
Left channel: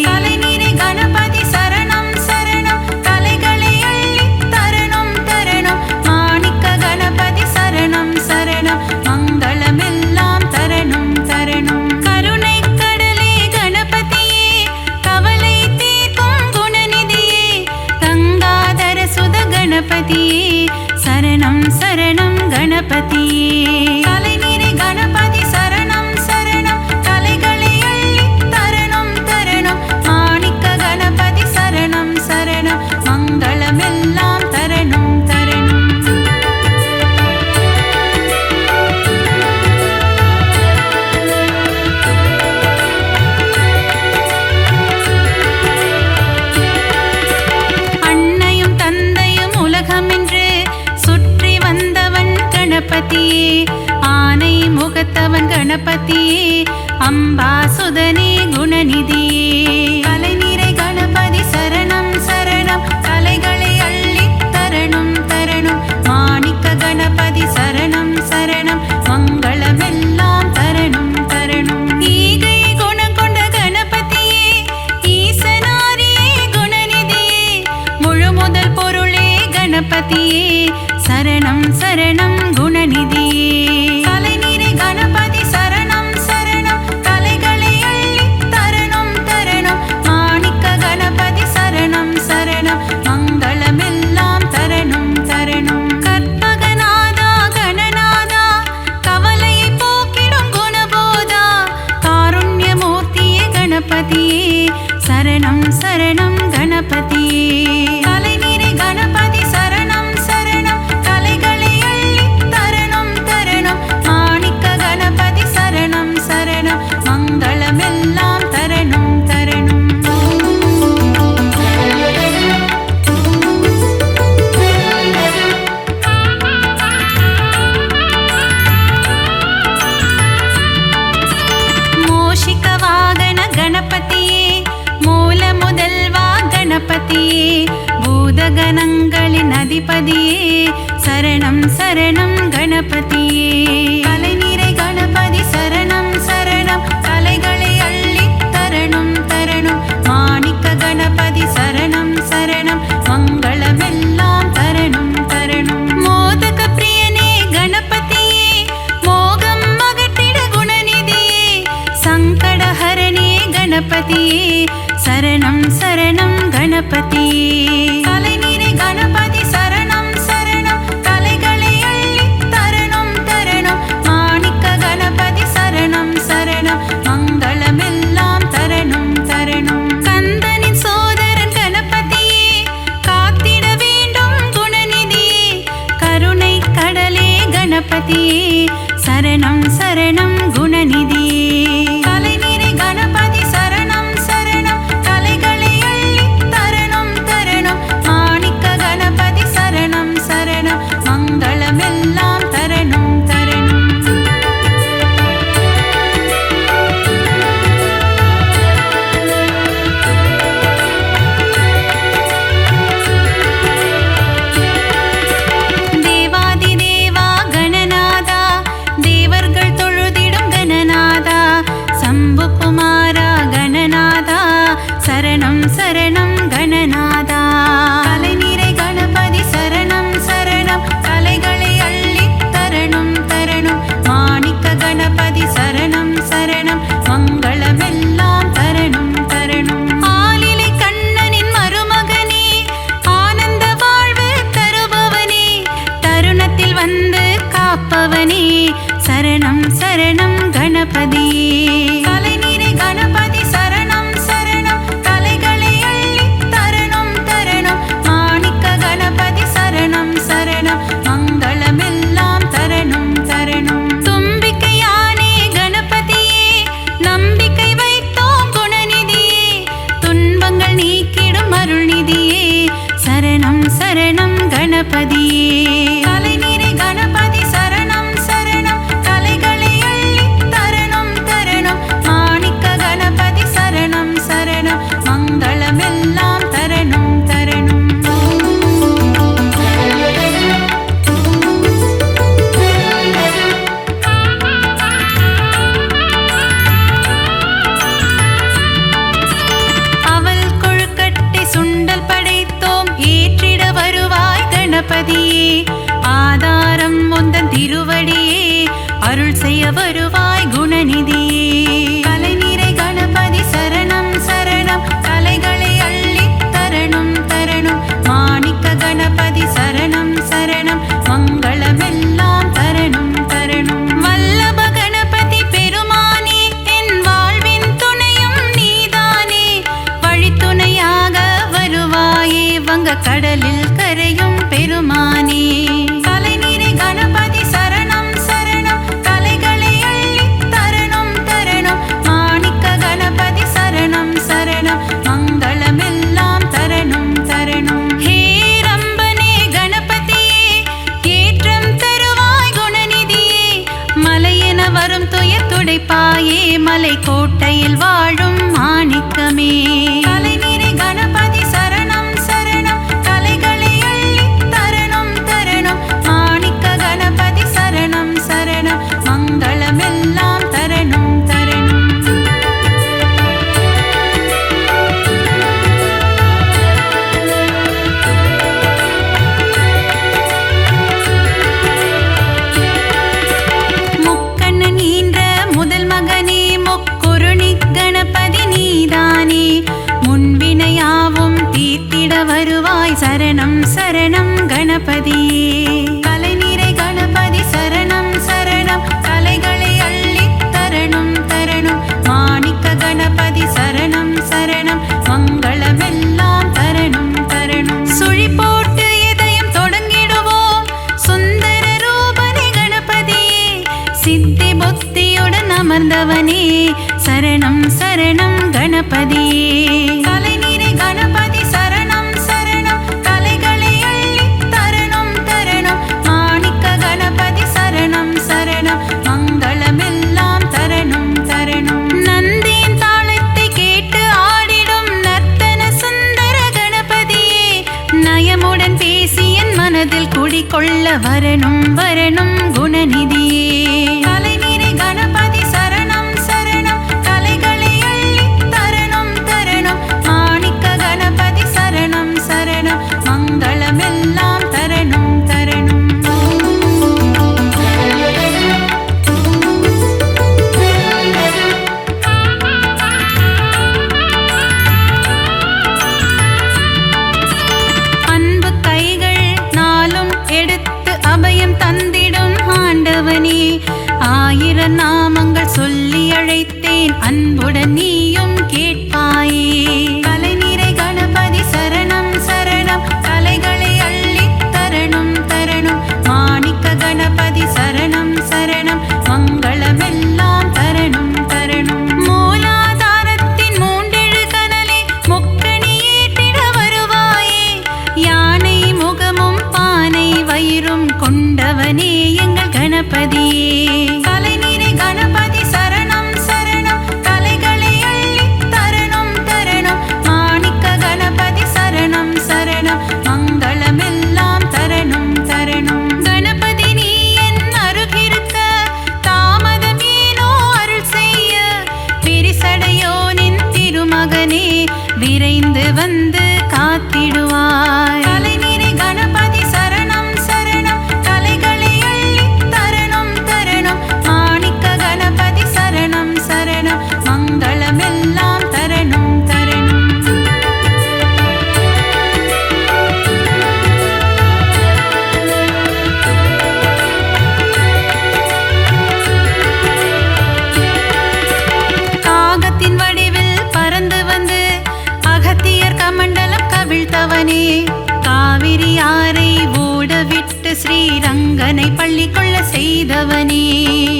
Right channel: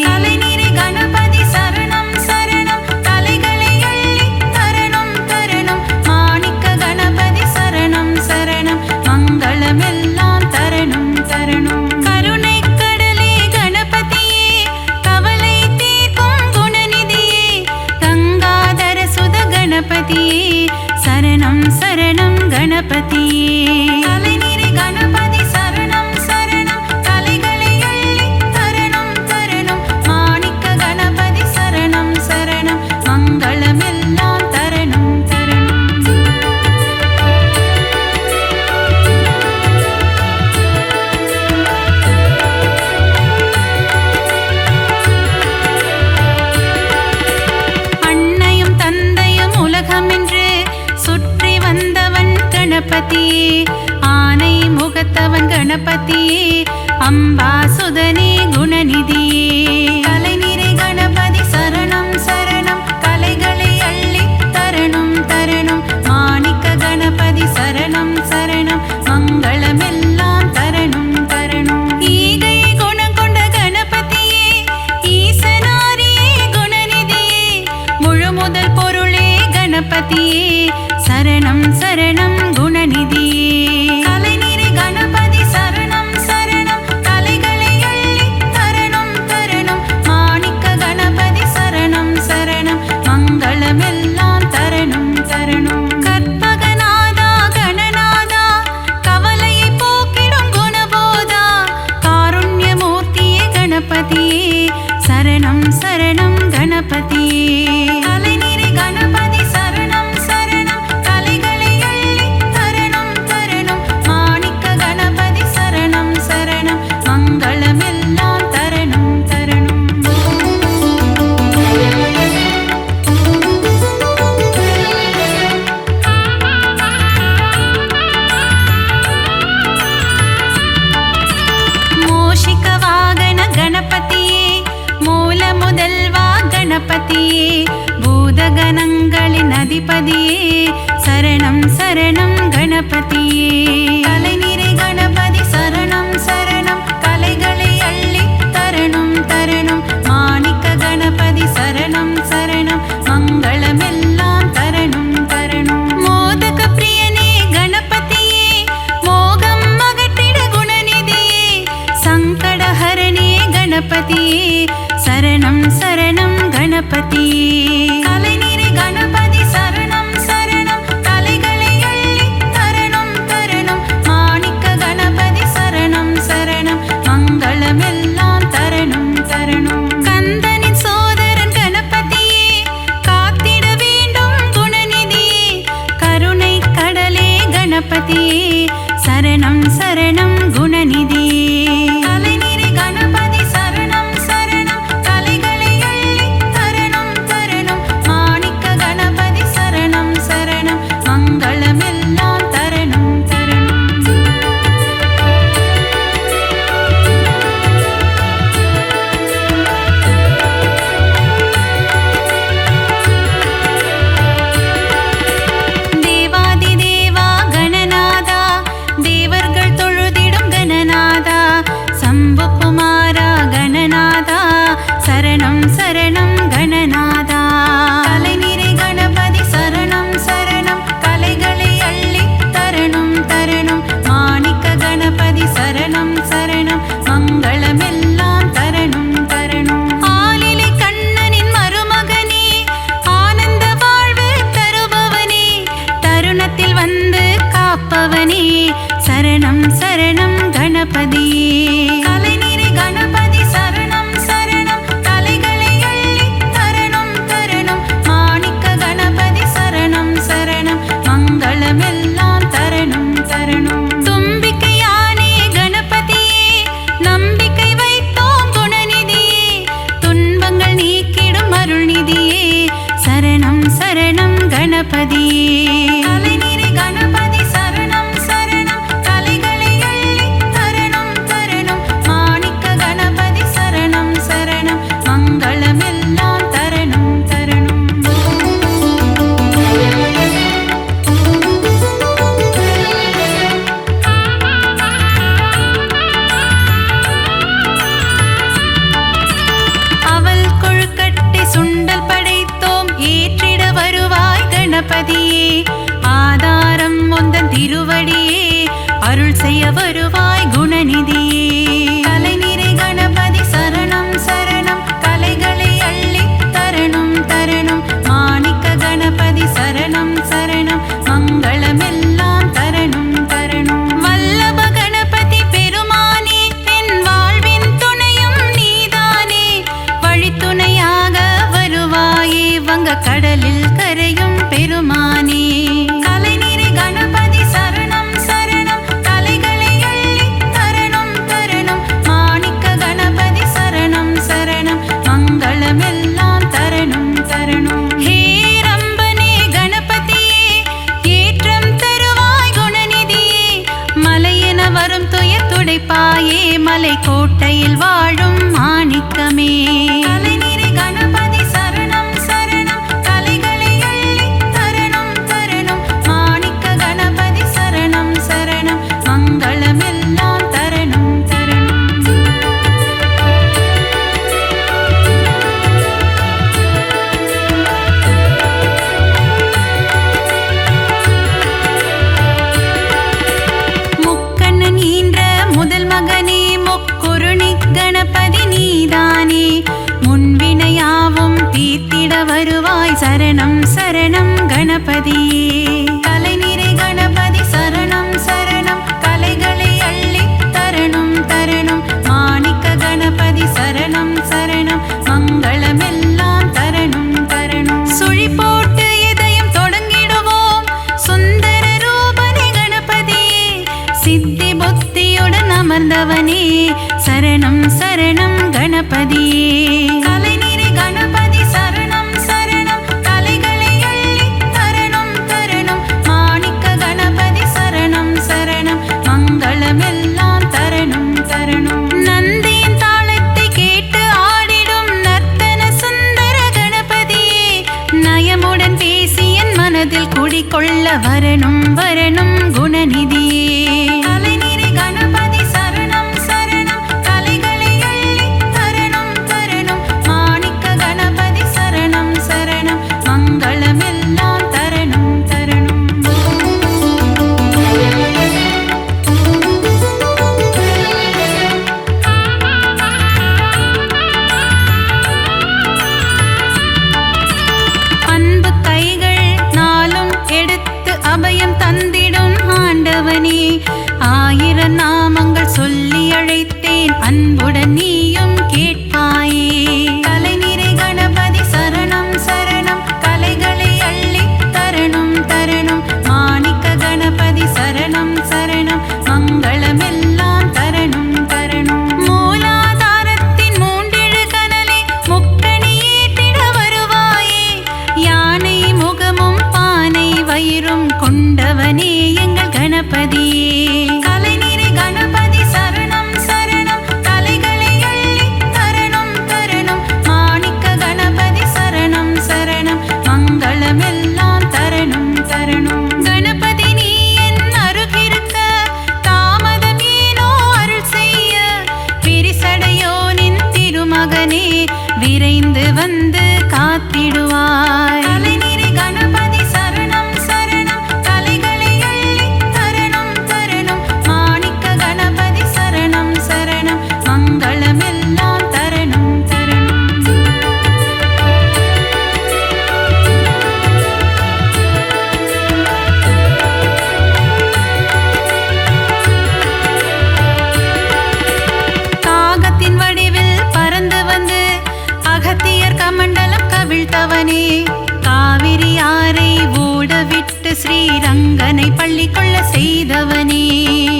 கலைநிறை கணபதி சரணம் சரணம், கலைகளை அள்ளி தரணும் தரணும், மாணிக்க கணபதி சரணம் சரணம், மங்களமெல்லாம் தரணும் தரணும். கருணை கடலே கணபதியே, கவலை தீர்க்கும் குணநிதியே, கங்காதர சுத கணபதியே, சரணம் சரணம் கணபதியே. கலைநிறை கணபதி சரணம் சரணம், கலைகளை அள்ளி தரணும் தரணும், மாணிக்க கணபதி சரணம் சரணம், மங்களமெல்லாம் தரணும் தரணும். அன்னையும் தந்தையும் உலகமென்று சுற்றி வந்தவன் கணபதியே, ஆனை முகத்தவன் கணபதியே, அம்பாசுதனே குணநிதியே. கலைநிறை கணபதி சரணம் சரணம், கலைகளை அள்ளி தரணும் தரணும், மாணிக்க கணபதி சரணம் சரணம், மங்களமெல்லாம் தரணும் தரணும். ஈகை குணம் கொண்ட கணபதியே, ஈசனாரியே குணநிதியே, முழு முதல் பொருளே கணபதியே, சரணம் சரணம் குணநிதியே. கலைநிறை கணபதி சரணம் சரணம், கலைகளை அள்ளி தரணும் தரணும், மாணிக்க கணபதி சரணம் சரணம், மங்களமெல்லாம் தரணும் தரணும். கற்பகநாதா கணநாதா, கவலையை போக்கிடும் குணபோதா, காருண்யமூர்த்தியே கணபதியே, சரணம் சரணம் கணபதியே. கலைநிறை கணபதி சரணம் சரணம், கலைகளை அள்ளி தரணும் தரணும், மாணிக்க கணபதி சரணம் சரணம், மங்களமெல்லாம் தரணும் தரணும். மோஷிக வாகன கணபதியே, மூல முதல்வா கணபதியே, பூதகணங்களின் அதிபதியே, சரணம் சரணம் கணபதியே. கலைநிறை கணபதி சரணம் சரணம், கலைகளை அள்ளி தரணும் தரணும், மாணிக்க கணபதி சரணம் சரணம், மங்களமெல்லாம் தரணும் தரணும். மோதக பிரியனே கணபதியே, மோகம் அகற்றிட குணநிதியே, சங்கடஹரணே கணபதியே, சரணம் சரணம் கணபதியே. கலைநிறை கணபதி சரணம் சரணம், கலைகளை அள்ளி தரணும் தரணும், மாணிக்க கணபதி சரணம் சரணம், மங்களமெல்லாம் தரணும் தரணும். கந்தனின் சோதரன் கணபதியே, காத்திட வேண்டும் குணநிதியே, கருணை கடலே கணபதியே, சரணம் சரணம் குணநிதியே. கலைநிறை கணபதி சரணம் சரணம், கலைகளை அள்ளி தரணும் தரணும், மாணிக்க கணபதி சரணம் சரணம், மங்களமெல்லாம் தரணும் தரணும். தேவாதி தேவா கணநாதா, தேவர்கள் தொழுதிட சரணம் சரணம் கணநாதா. கலைநிறை கணபதி சரணம் சரணம், கலைகளை அள்ளி தரணும் தரணும். மாணிக்க கணபதி சரணம் சரணம், மங்களமெல்லாம் தரணும் தரணும். ஆலிலை கண்ணனின் மருமகனே, ஆனந்த வாழ்வு தருபவனே, தருணத்தில் வந்து காப்பவனே, சரணம் சரணம் கணபதியே. கலைநிறை கணபதி சரணம் சரணம், கலைகளை அள்ளி தரணும் தரணும். மாணிக்க கணபதி சரணம் சரணம், மங்களமெல்லாம் தரணும் தரணும். தும்பிக்கையானே கணபதியே, நம்பிக்கை வைத்தோம் குணநிதியே, துன்பங்கள் நீக்கிடும் அருள்நிதியே, சரணம் சரணம் கணபதியே. கலைநிறை கணபதி சரணம் சரணம், கலைகளை அள்ளி தரணும் தரணும். மாணிக்க கணபதி சரணம் சரணம், மங்களமெல்லாம் தரணும் தரணும். அவல் கொழுக்கட்டை சுண்டல் படைத்தோம், ஏற்றிட வருவாய் கணபதியே. ஆதாரம் முந்தன் திருவடியே, அருள் செய்ய வருவாய் குணநிதியே. கலைநிறை கணபதி சரணம் சரணம், கலைகளை அள்ளி தரணும் தரணும். மாணிக்க கணபதி சரணம் சரணம், மங்களமெல்லாம் தரணும் தரணும். வல்லப கணபதி பெருமானே, என் வாழ்வின் துணையும் நீதானே, வழித்துணையாக வருவாயே வங்க கடலில் கரையும் பெருமானே. கலைநிறை கணபதி சரணம் சரணம், கலைகளை அள்ளி தரணும் தரணும். மாணிக்க கணபதி சரணம் சரணம், மங்களமெல்லாம் தரணும் தரணும். ஹே ரம்பனே கணபதியே, ஏற்றம் தருவாய் குணநிதியே, மலையென வரும் துயர் துடைப்பாயே, மலை கோட்டையில் வாழும் மாணிக்கமே. கலைநிறை கணபதி சரணம் சரணம், கலைகளை அள்ளி தரணும் தரணும். மாணிக்க கணபதி சரணம் சரணம், மங்களமெல்லாம் தரணும் தரணும். முக்கண்ணன் ஈன்ற முதல் மகனே, முக்குருணி கணபதி நீதானே, முன்வினையாவும் தீர்த்திட வருவாய் சரணம் சரணம் கணபதியே. கலைநிறை கணபதி சரணம் சரணம், கலைகளை அள்ளி தரணும் தரணும். மாணிக்க கணபதி சரணம் சரணம், மங்களமெல்லாம் தரணும் தரணும். சுழி போட்டு இதயம் தொடங்கிடுவோம், சுந்தர ரூபனே கணபதியே, சித்தி புத்தியுடன் அமர்ந்தவனே, சரணம் சரணம் கணபதியே. கலைநிறை கணபதி சரணம் சரணம், கலைகளை அள்ளி தரணும் தரணும். மாணிக்க கணபதி சரணம் சரணம், மங்களமெல்லாம் தரணும் தரணும். நந்தியின் தாளத்தை கேட்டு ஆடிடும் நர்த்தன சுந்தர கணபதியே, நயமுடன் பேசி என் மனதில் குடிகொள்ள வரணும் வரணும் குணநிதியே. கலைநிறை கணபதி சரணம் சரணம், கலைகளை அள்ளி தரணும் தரணும். மாணிக்க கணபதி சரணம் சரணம், மங்களமெல்லாம் தரணும் தரணும். அன்பு கைகள் நாளும் எடுத்து அபயம் தந்திடும் ஆண்டவனே, ஆயிரம் நாமங்கள் சொல்லி அழைத்தேன், அன்புடன் நீயும் கேட்பாயே. கலைநிறை கணபதி சரணம் சரணம், கலைகளை அள்ளி தரணும் தரணும். மாணிக்க கணபதி சரணம் சரணம், மங்களமெல்லாம் தரணும் தரணும். மூலாதாரத்தின் மூண்டெழு கனலை முக்கணி ஏற்றிட வருவாயே, யானை முகமும் பானை வயிறும் கொண்டவனே எங்கள் கணபதியே. கலைநிறை கணபதி சரணம் சரணம், கலைகளை அள்ளி தரணும் தரணும். மாணிக்க கணபதி சரணம் சரணம், மங்களமெல்லாம் தரணும் தரணும். கணபதி நீ என் அருகிருக்க, தாமதம் ஏனோ அருள் செய்ய, பிரிசடையோனின் திருமகனே விரைந்து வந்து காத்திடுவாய். தலைநிறை கணபதி சரணம் சரணம், தலைகளை அள்ளி தரணம் தரணம். மாணிக்க கணபதி சரணம் சரணம், மங்களமெல்லாம் தரணம் தரணம். காகத்தின் வடிவில் பறந்து வந்து அகத்தியர் கமண்டலம் கவிழ்த்தவனே, காவிரி ஆரை ஓடவிட்டு ஸ்ரீரங்கனை பள்ளி கொள்ள செய்தவனே.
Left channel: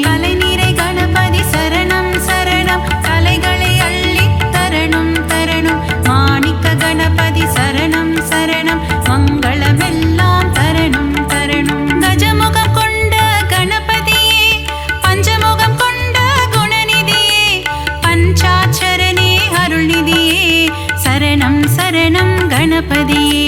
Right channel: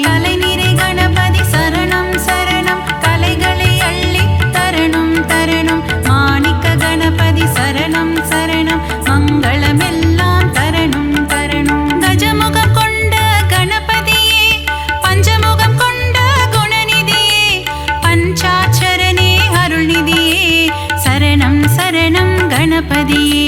தலைநிறை கணபதி சரணம் சரணம், தலைகளை அள்ளி தரணம் தரணம். மாணிக்க கணபதி சரணம் சரணம், மங்களமெல்லாம் தரணம் தரணம். கஜமுகம் கொண்ட கணபதியே, பஞ்சமுகம் கொண்ட குணநிதியே, பஞ்சாட்சரனே அருள்நிதியே, சரணம் சரணம் கணபதியே.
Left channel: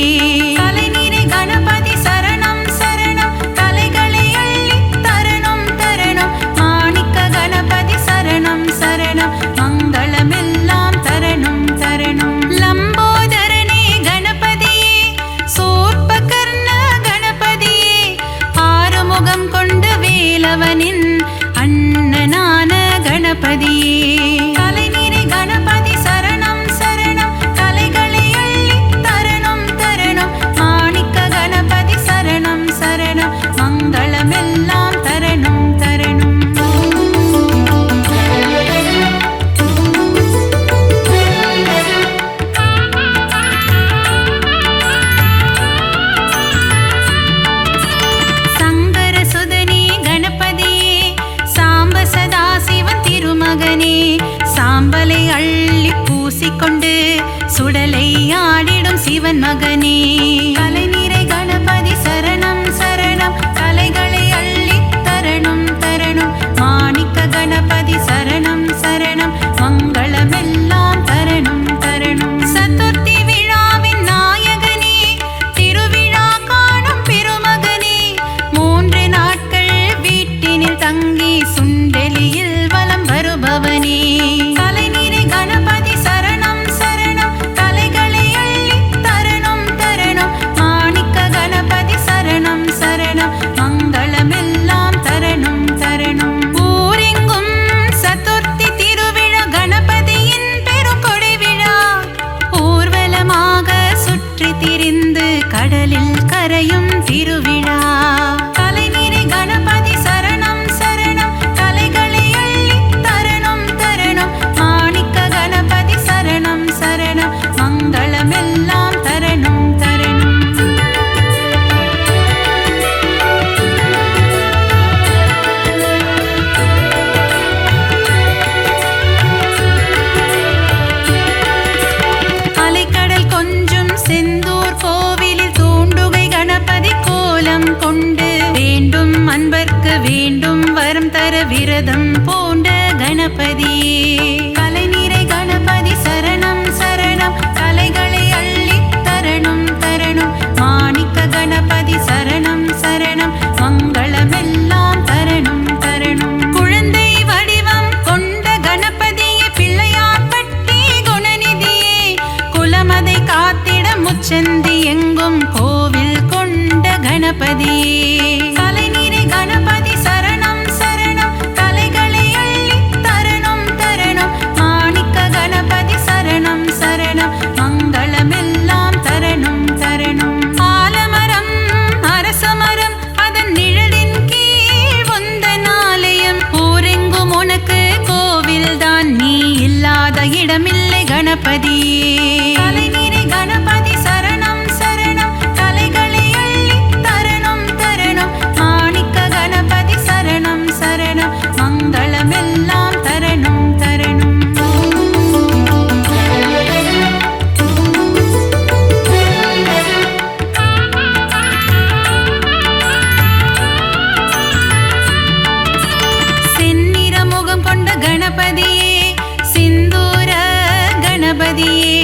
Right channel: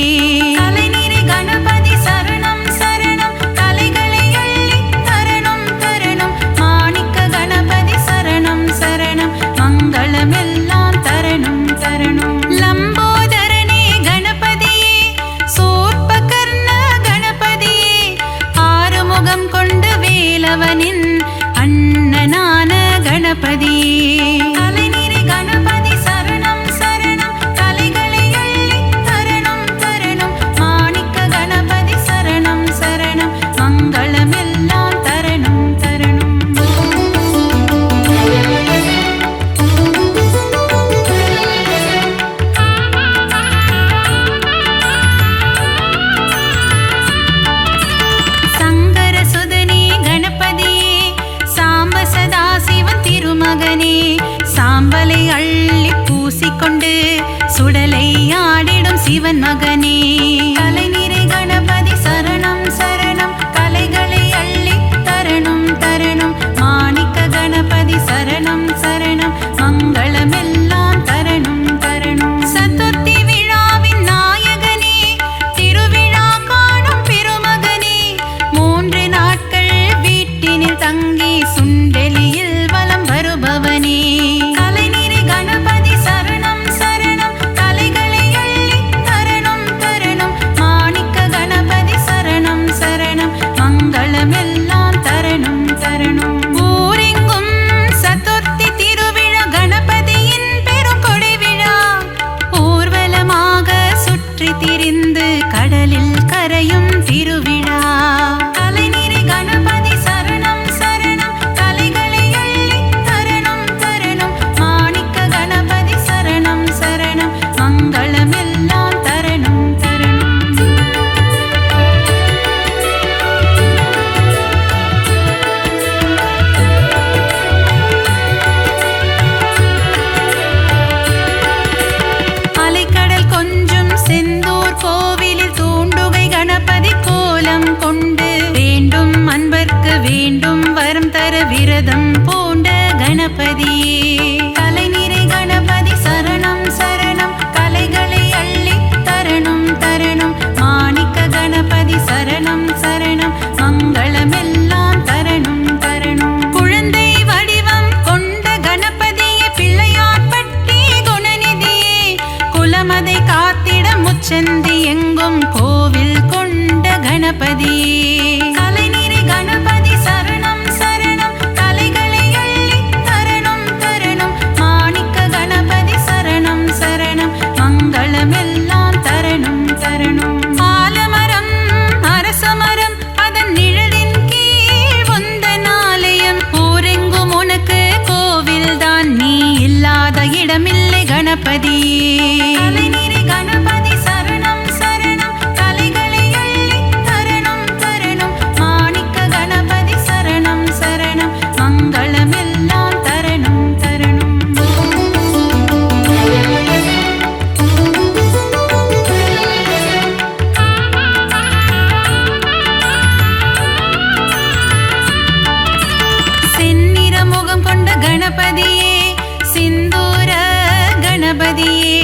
தலைநிறை கணபதி சரணம் சரணம், தலைகளை அள்ளி தரணம் தரணம். மாணிக்க கணபதி சரணம் சரணம், மங்களமெல்லாம் தரணம் தரணம். லம்போதரனே கணபதியே, சூர்பகர்ண கணபதியே, ஆறுமுகம் கொண்ட வேலவனின் அண்ணனான கணபதியே. தலைநிறை கணபதி சரணம் சரணம், தலைகளை அள்ளி தரணம் தரணம். மாணிக்க கணபதி சரணம் சரணம், மங்களமெல்லாம் தரணம் தரணம். சங்கர சுதனே கணபதியே, சாம்ப சதாசிவன் திருமகனே, சாம்பலை அள்ளி பூசிக்கொண்டு சுடலை ஆடிடும் சிவன் மகனே. தலைநிறை கணபதி சரணம் சரணம், தலைகளை அள்ளி தரணம் தரணம். மாணிக்க கணபதி சரணம் சரணம், மங்களமெல்லாம் தரணம் தரணம். சதுர்த்தி விழாவின் நாயகனே, திருவிழா காணும் பெருமகனே, 3 நாட்கள் வீட்டினில் தங்கி சுண்டெலியில் வலம் வருபவனே. தலைநிறை கணபதி சரணம் சரணம், தலைகளை அள்ளி தரணம் தரணம். மாணிக்க கணபதி சரணம் சரணம், மங்களமெல்லாம் தரணம் தரணம். ஊரெங்கும் சதுர்த்தி திருவிழா, கணபதியின் பெருங்கொடை விழா, ஊர்வலமாக சுற்றி திரிந்து கடலில் கரையும் திருவிழா. தலைநிறை கணபதி சரணம் சரணம், தலைகளை அள்ளி தரணம் தரணம். மாணிக்க கணபதி சரணம் சரணம், மங்களமெல்லாம் தரணம் தரணம். அலைக்கடல் கொஞ்சும் செந்தூர் கோவிலில் தூண்டுகை கணபதி கோலம் கொண்டு வேண்டும் அன்பர்க்கு வேண்டும் வரம் தர விரதம் பூண்ட கணபதியே. தலைநிறை கணபதி சரணம் சரணம், தலைகளை அள்ளி தரணம் தரணம். மாணிக்க கணபதி சரணம் சரணம், மங்களமெல்லாம் தரணம் தரணம். குழந்தை வடிவம் கொண்ட கணபதியே, பிள்ளையார்பட்டி குணநிதியே, குலமதை காத்திட முச்சந்தி எங்கும் கோவில் கொண்ட கணபதியே. தலைநிறை கணபதி சரணம் சரணம், தலைகளை அள்ளி தரணம் தரணம். மாணிக்க கணபதி சரணம் சரணம், மங்களமெல்லாம் தரணம் தரணம். ஆலமரம் அரசமரம் அதன் நிழலின் கீழ் உந்தன் ஆலயம், ஊரெங்கும் உனக்கு கோவில்தான், நீ இல்லாத இடமில்லை கணபதியே. தலைநிறை கணபதி சரணம் சரணம், தலைகளை அள்ளி தரணம் தரணம். மாணிக்க கணபதி சரணம் சரணம், மங்களமெல்லாம் தரணம் தரணம். செந்நிற முகம் கொண்ட கணபதியே, சிந்தூர கணபதியே,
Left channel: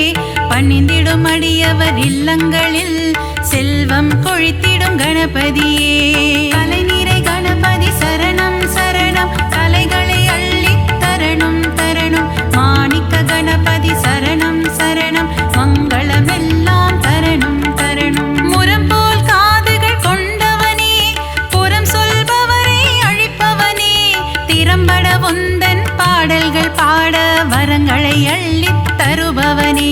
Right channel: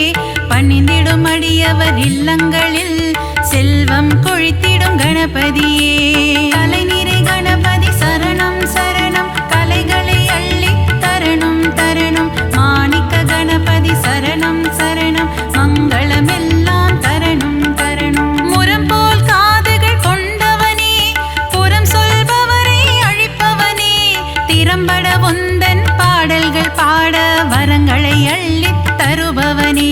பணிந்திடும் அடியவர் இல்லங்களில் செல்வம் கொழித்திடும் கணபதியே. தலைநிறை கணபதி சரணம் சரணம், தலைகளை அள்ளி தரணம் தரணம். மாணிக்க கணபதி சரணம் சரணம், தருபவனே.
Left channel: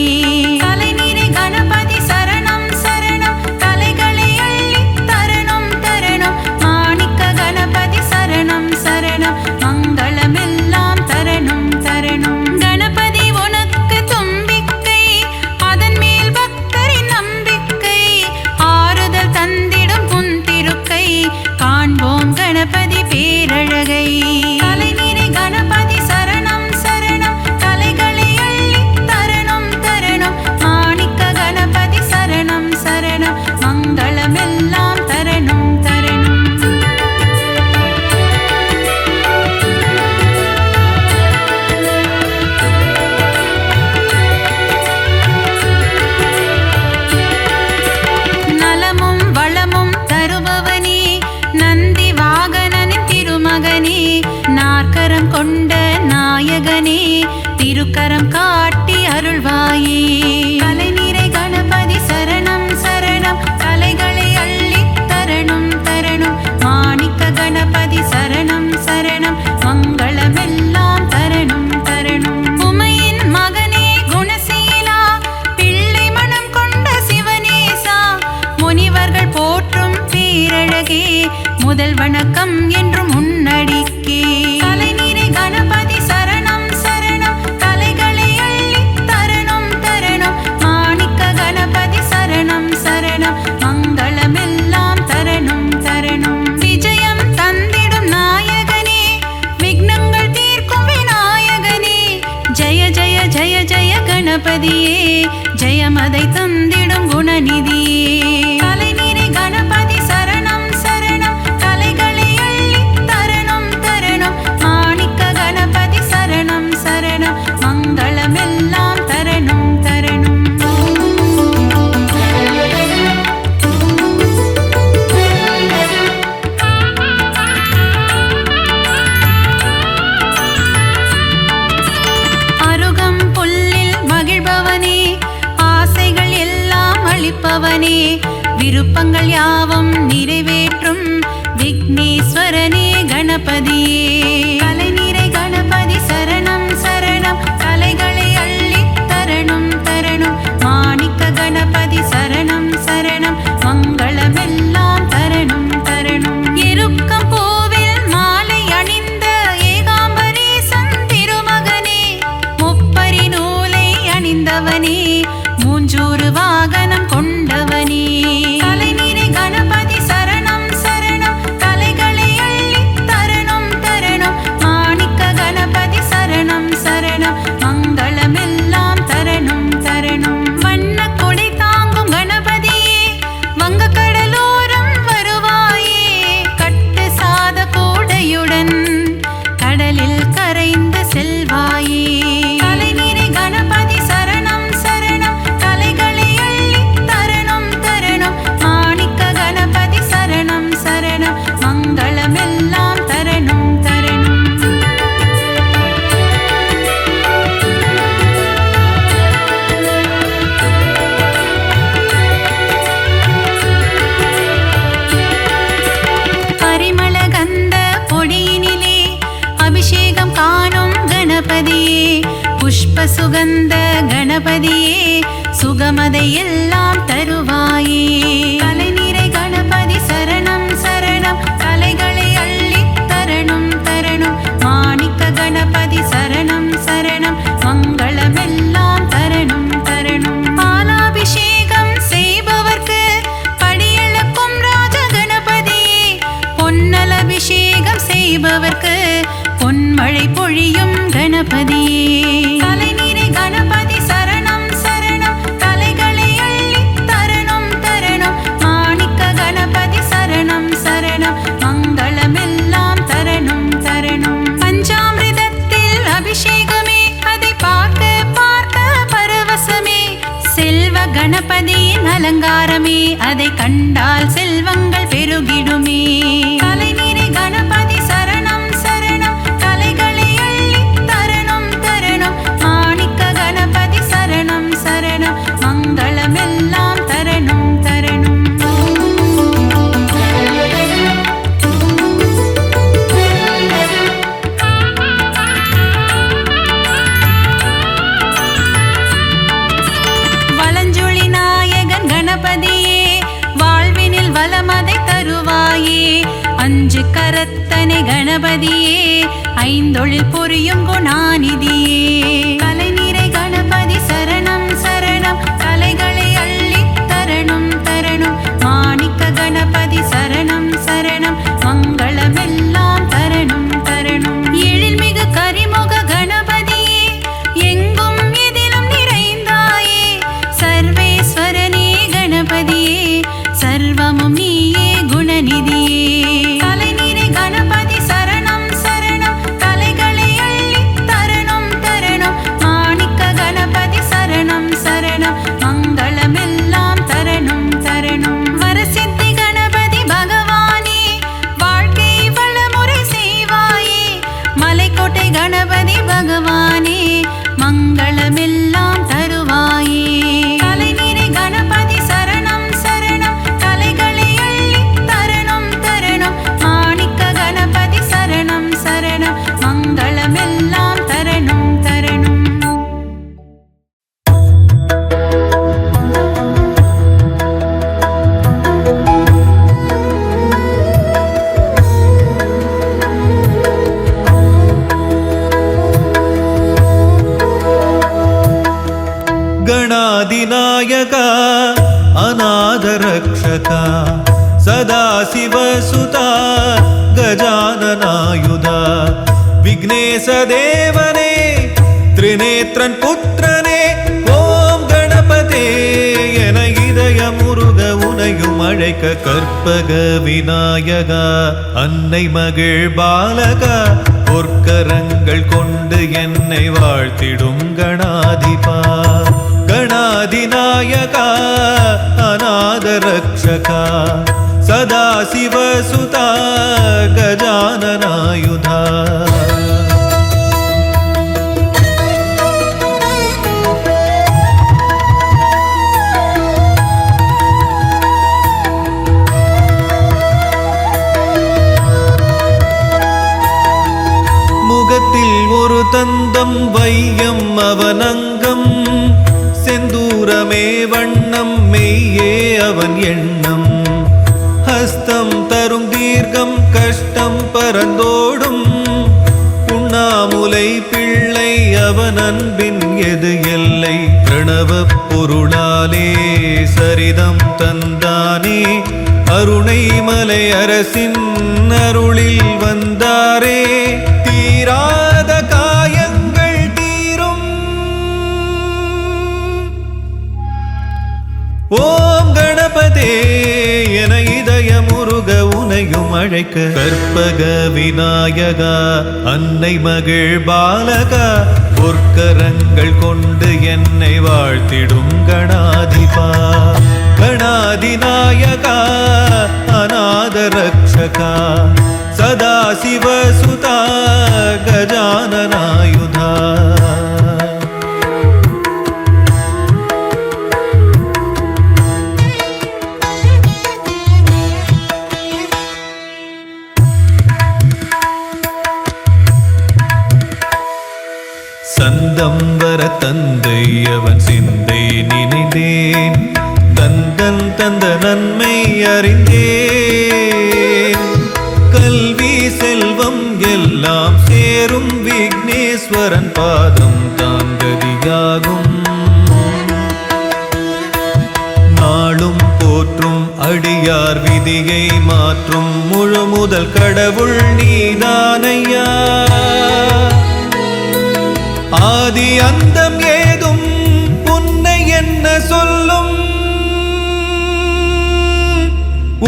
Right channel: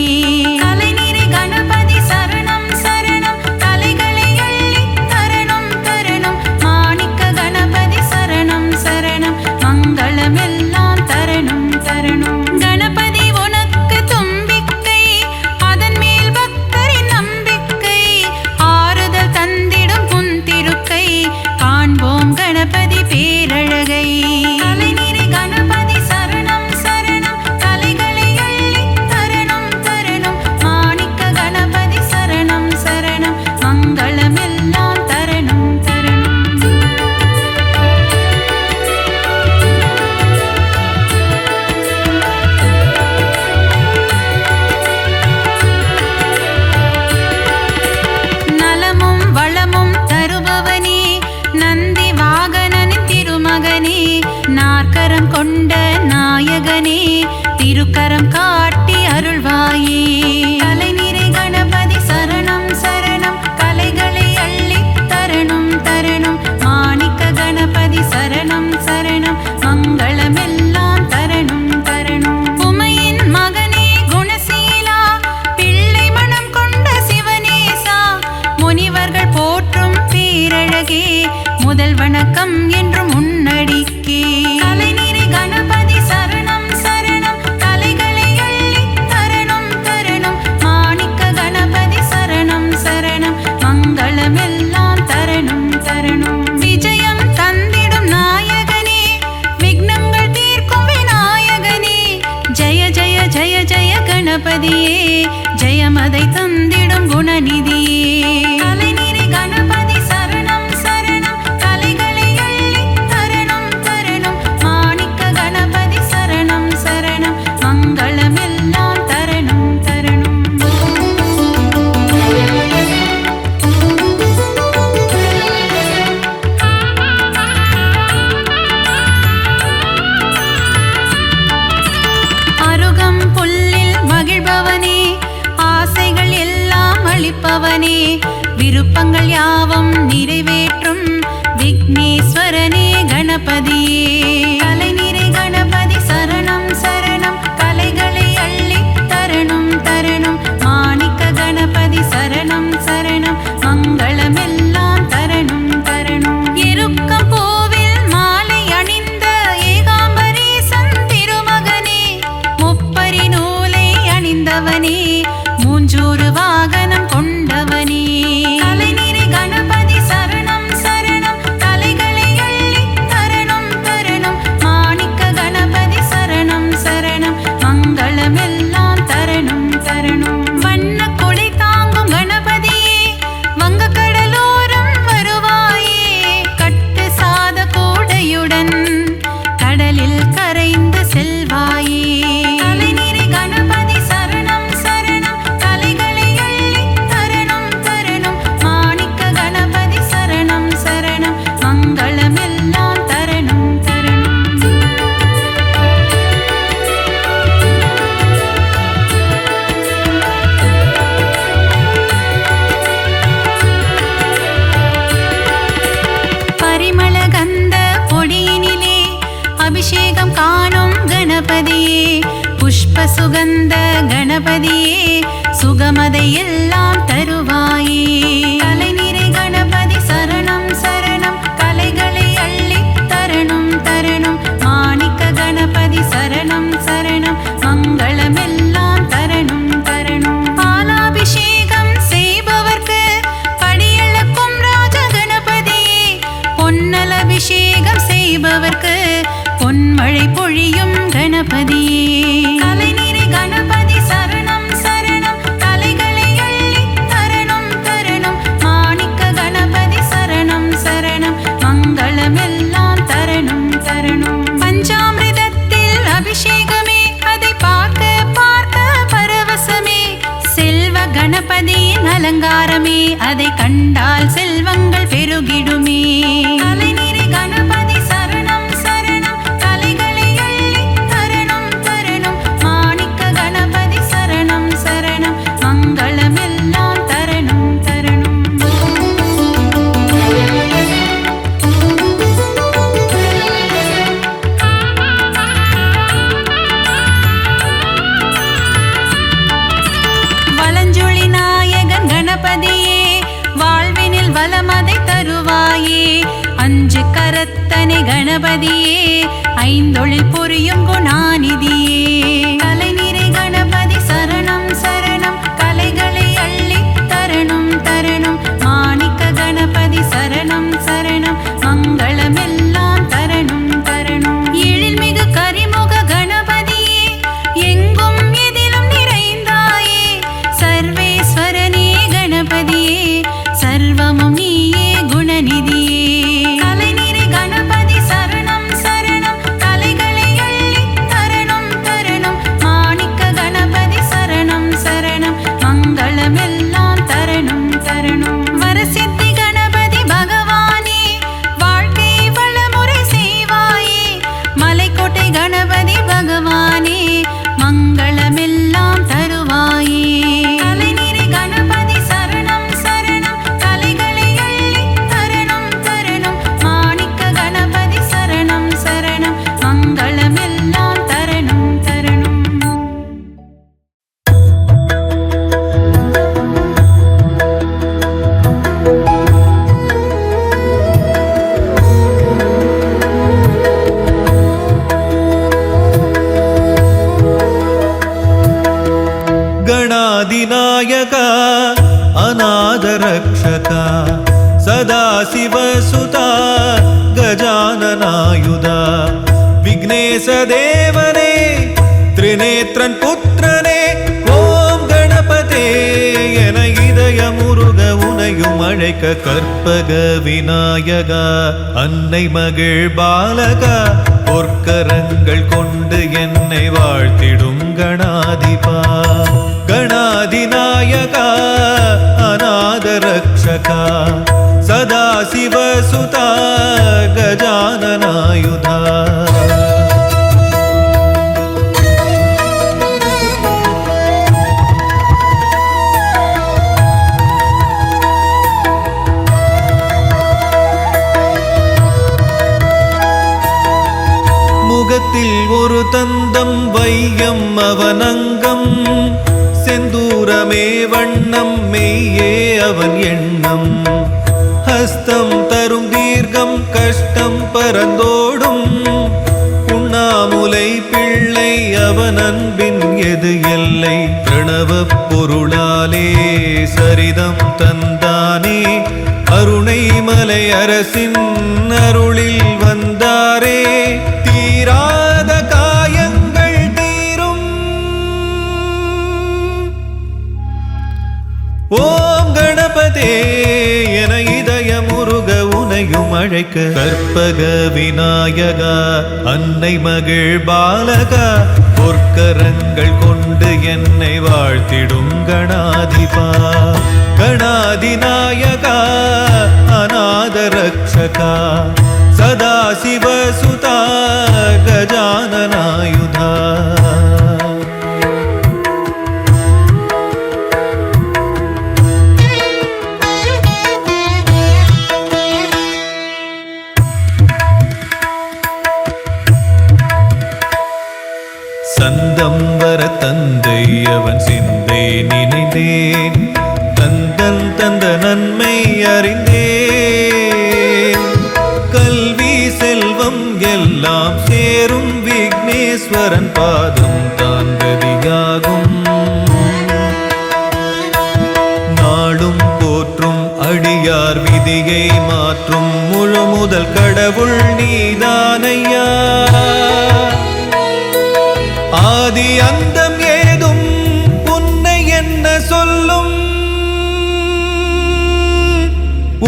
அலைநீரை கணபதி சரணம் சரணம் கலைகளை அள்ளி தரணம் தரணம். மாணிக்க கணபதி சரணம் சரணம் மங்களமெல்லாம் தரணம் தரணம். கணபதி உனக்கு தும்பிக்கை, அதன் மேல் பக்தரின் நம்பிக்கை. ஆறுதல் தந்திடும் புன் திருக்கை, காண்போம் கணபதி பேரழகை. அலைநீரை கணபதி சரணம் சரணம் கலைகளை அள்ளி தரணம் தரணம். மாணிக்க கணபதி சரணம் சரணம் மங்களமெல்லாம் தரணம் தரணம். நலமும் வளமும் தருபவனே, நந்தி வாகனனின் திருமகனே. நாற்கரம் கொண்ட நாயகனே, திருக்கரம் காட்டி அருள்வாயே. அலைநீரை கணபதி சரணம் சரணம் கலைகளை அள்ளி தரணம் தரணம். மாணிக்க கணபதி சரணம் சரணம் மங்களமெல்லாம் தரணம் தரணம். உமையின் மகனே குணசீலா, பிள்ளை மனம் கொண்ட சிவனேசா. முனிவர்கள் போற்றும் பேரழகே, முதல் வணக்கம் என்றும் உன்னடிக்கே. அலைநீரை கணபதி சரணம் சரணம் கலைகளை அள்ளி தரணம் தரணம். மாணிக்க கணபதி சரணம் சரணம் மங்களமெல்லாம் தரணம் தரணம். விஜயம் தந்திடும் நாயகனே, விக்னங்கள் தீர்க்கும் விநாயகனே. ஜய ஜய ஜய ஜய கணபதியே, ஜெயமதை தந்திடும் குணநிதியே. அலைநீரை கணபதி சரணம் சரணம் கலைகளை அள்ளி தரணம் தரணம். மாணிக்க கணபதி சரணம் சரணம் மங்களமெல்லாம் தரணம் தரணம். அருகம் புல்லில் மகிழ்பவனே, ஆசைகள் எல்லாம் அளிப்பவனே. விருப்பங்கள் யாவும் நிறைவேற்றும் விக்னேஸ்வரனே கணபதியே. அலைநீரை கணபதி சரணம் சரணம் கலைகளை அள்ளி தரணம் தரணம். மாணிக்க கணபதி சரணம் சரணம் மங்களமெல்லாம் தரணம் தரணம். எருக்கம் பூவில் மாலை அணிந்த ஏகாம்பரேசன் திருமகனே, முப்பரி நூலை அணிந்தவனே, மூஞ்சூறு வாகனம் கொண்டவனே. அலைநீரை கணபதி சரணம் சரணம் கலைகளை அள்ளி தரணம் தரணம். மாணிக்க கணபதி சரணம் சரணம் மங்களமெல்லாம் தரணம் தரணம். வண்ண கொடை தாங்கும் கணபதியே, வங்க கடலோரம் வருவாயே. கட்டு சாத கூடையுடன் கடலில் கரைந்து செல்வாயே. அலைநீரை கணபதி சரணம் சரணம் கலைகளை அள்ளி தரணம் தரணம். மாணிக்க கணபதி சரணம் சரணம் மங்களமெல்லாம் தரணம் தரணம். பரிமள கந்த பொடியினிலே அபிஷேகம் காணும் கணபதியே. புஷ்ப சுகந்த கணபதியே, சுகமதை எல்லாம் தருவாயே. அலைநீரை கணபதி சரணம் சரணம் கலைகளை அள்ளி தரணம் தரணம். மாணிக்க கணபதி சரணம் சரணம் மங்களமெல்லாம் தரணம் தரணம். பாலாபிஷேகம் செய்பவர்க்கு படியளக்கும் ராஜ கணபதியே. பொன்னல் அபிஷேகம் செய்பவர்க்கு பொன்மழை பொழியும் கணபதியே. அலைநீரை கணபதி சரணம் சரணம் கலைகளை அள்ளி தரணம் தரணம். மாணிக்க கணபதி சரணம் சரணம் மங்களமெல்லாம் தரணம் தரணம். பஞ்சாமிர்தத்தில் அபிஷேகமே, அதை பார்க்க பார்க்க பரவசமே. செல்வ கணபதியின் அலங்காரமே, அதை கண்டால் செல்வங்கள் பெருகிடுமே. அலைநீரை கணபதி சரணம் சரணம் கலைகளை அள்ளி தரணம் தரணம். மாணிக்க கணபதி சரணம் சரணம் மங்களமெல்லாம் தரணம் தரணம். கணபதியே வாழ்வினில் வளமதை தருவாயே அஞ்சு கரத்தனை கணபதியே ஐந்தொழில் புரியும் குணாநிதியே கலைநிறை கணபதி சரணம் சரணம் கலைகளை அள்ளி தரணும் தரணும் மாணிக்க கணபதி சரணம் சரணம் மங்களமெல்லாம் தரணும் தரணும் எழில்மிகு கரிமுக கணபதியே எங்கும் எதிலும் நிறைந்தாயே சர்வேஸ்வரனே கணபதியே சர்வமும் நீயே குணநிதியே கலைநிறை கணபதி சரணம் சரணம் கலைகளை அள்ளி தரணும் தரணும் மாணிக்க கணபதி சரணம் சரணம் மங்களமெல்லாம் தரணும் தரணும் வரசித்தி கணபதி பகவானே வாழ்க்கை வளமுறை செய்வாயே மலைக்கோட்டை கணபதி பகவானே மங்களமெல்லாம் தருவாயே கலைநிறை கணபதி சரணம் சரணம் கலைகளை அள்ளி தரணும் தரணும் மாணிக்க கணபதி சரணம் சரணம் மங்களமெல்லாம் தரணும் தரணும் ಗಣಾಧಿನಾಯಕ ಅನಾಥರಕ್ಷಕ ಸದಾಶಿವಸುತ ಗಜಾನನಾಯುಧ ವಿಘ್ನೇಶ ದೇವನೇ ತ್ರಿನೇತ್ರನ್ ಪುತ್ರನೇ ஓம் கணபதே என இதய முருக உனையும் அழைக்க கற்பக விநாயகா அன்னை மகிழ் பாலகா பொற்கரங்கள் கொண்டு என்னை வாழ்த்திடும் கணாதிபா கணாதிநாயகா அநாத ரக்ஷகா சதாசிவசுதா கஜானனாயுதா முகத்தில் ஒரு தந்தம் வையம் அவனங்கம் செந்தூரமே வண்ணம் மெய்யே அவன் எண்ணம் ஹஸ்தம் தரும் தீர்க்கம் கஷ்டம் பரந்தோடும் உண்ணாமுலை பிள்ளை அவன் அன்பின் எது எல்லை பிரணவ பொருளாலே சரிதம் தந்தானே அருணைமலை அரசின் அருளில் வந்தாரே தீராத காயங்கள் தீரும் ஓம் கணபதே என இதய முருக உனையும் அழைக்க கற்பக விநாயகா அன்னை மகிழ் பாலகா பொற்கரங்கள் கொண்டு என்னை வாழ்த்திடும் கணாதிபா கணாதிநாயகா அநாத ரக்ஷகா சதாசிவசுதா கஜானனாயுதா சந்தம் வர தந்தை அவன் சிந்தை நினைந்தேன் தந்தன் தந்த நன்மை அறிந்தேன் கல்வி செல்வம் எல்லாம் சேரும் விக்னேஸ்வரன் பாதம் தான் கதியாகும் நாளும் போற்றும் அடியார் விதியை மாற்றும் முழு முதல் கடவுள் நீதானையா ஆதி அந்தம் ஏதும் உன்னை என்ன சொல்லும்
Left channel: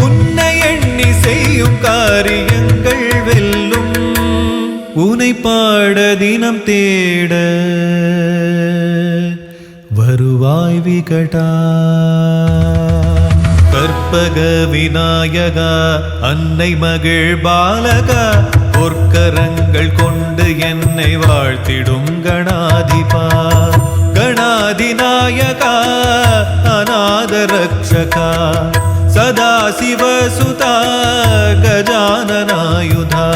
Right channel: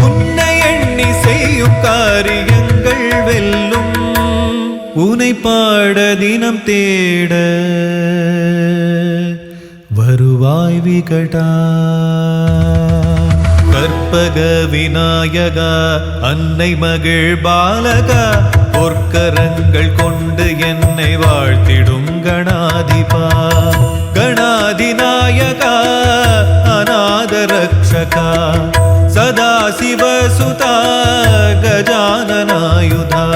உன்னை எண்ணி செய்யும் காரியங்கள் வெல்லும் உனை பாட தினம் தேட வருவாய் விகடா கற்பக விநாயகா அன்னை மகிழ் பாலகா பொற்கரங்கள் கொண்டு என்னை வாழ்த்திடும் கணாதிபா கணாதிநாயகா அநாத ரக்ஷகா சதாசிவசுதா கஜானனாயுதா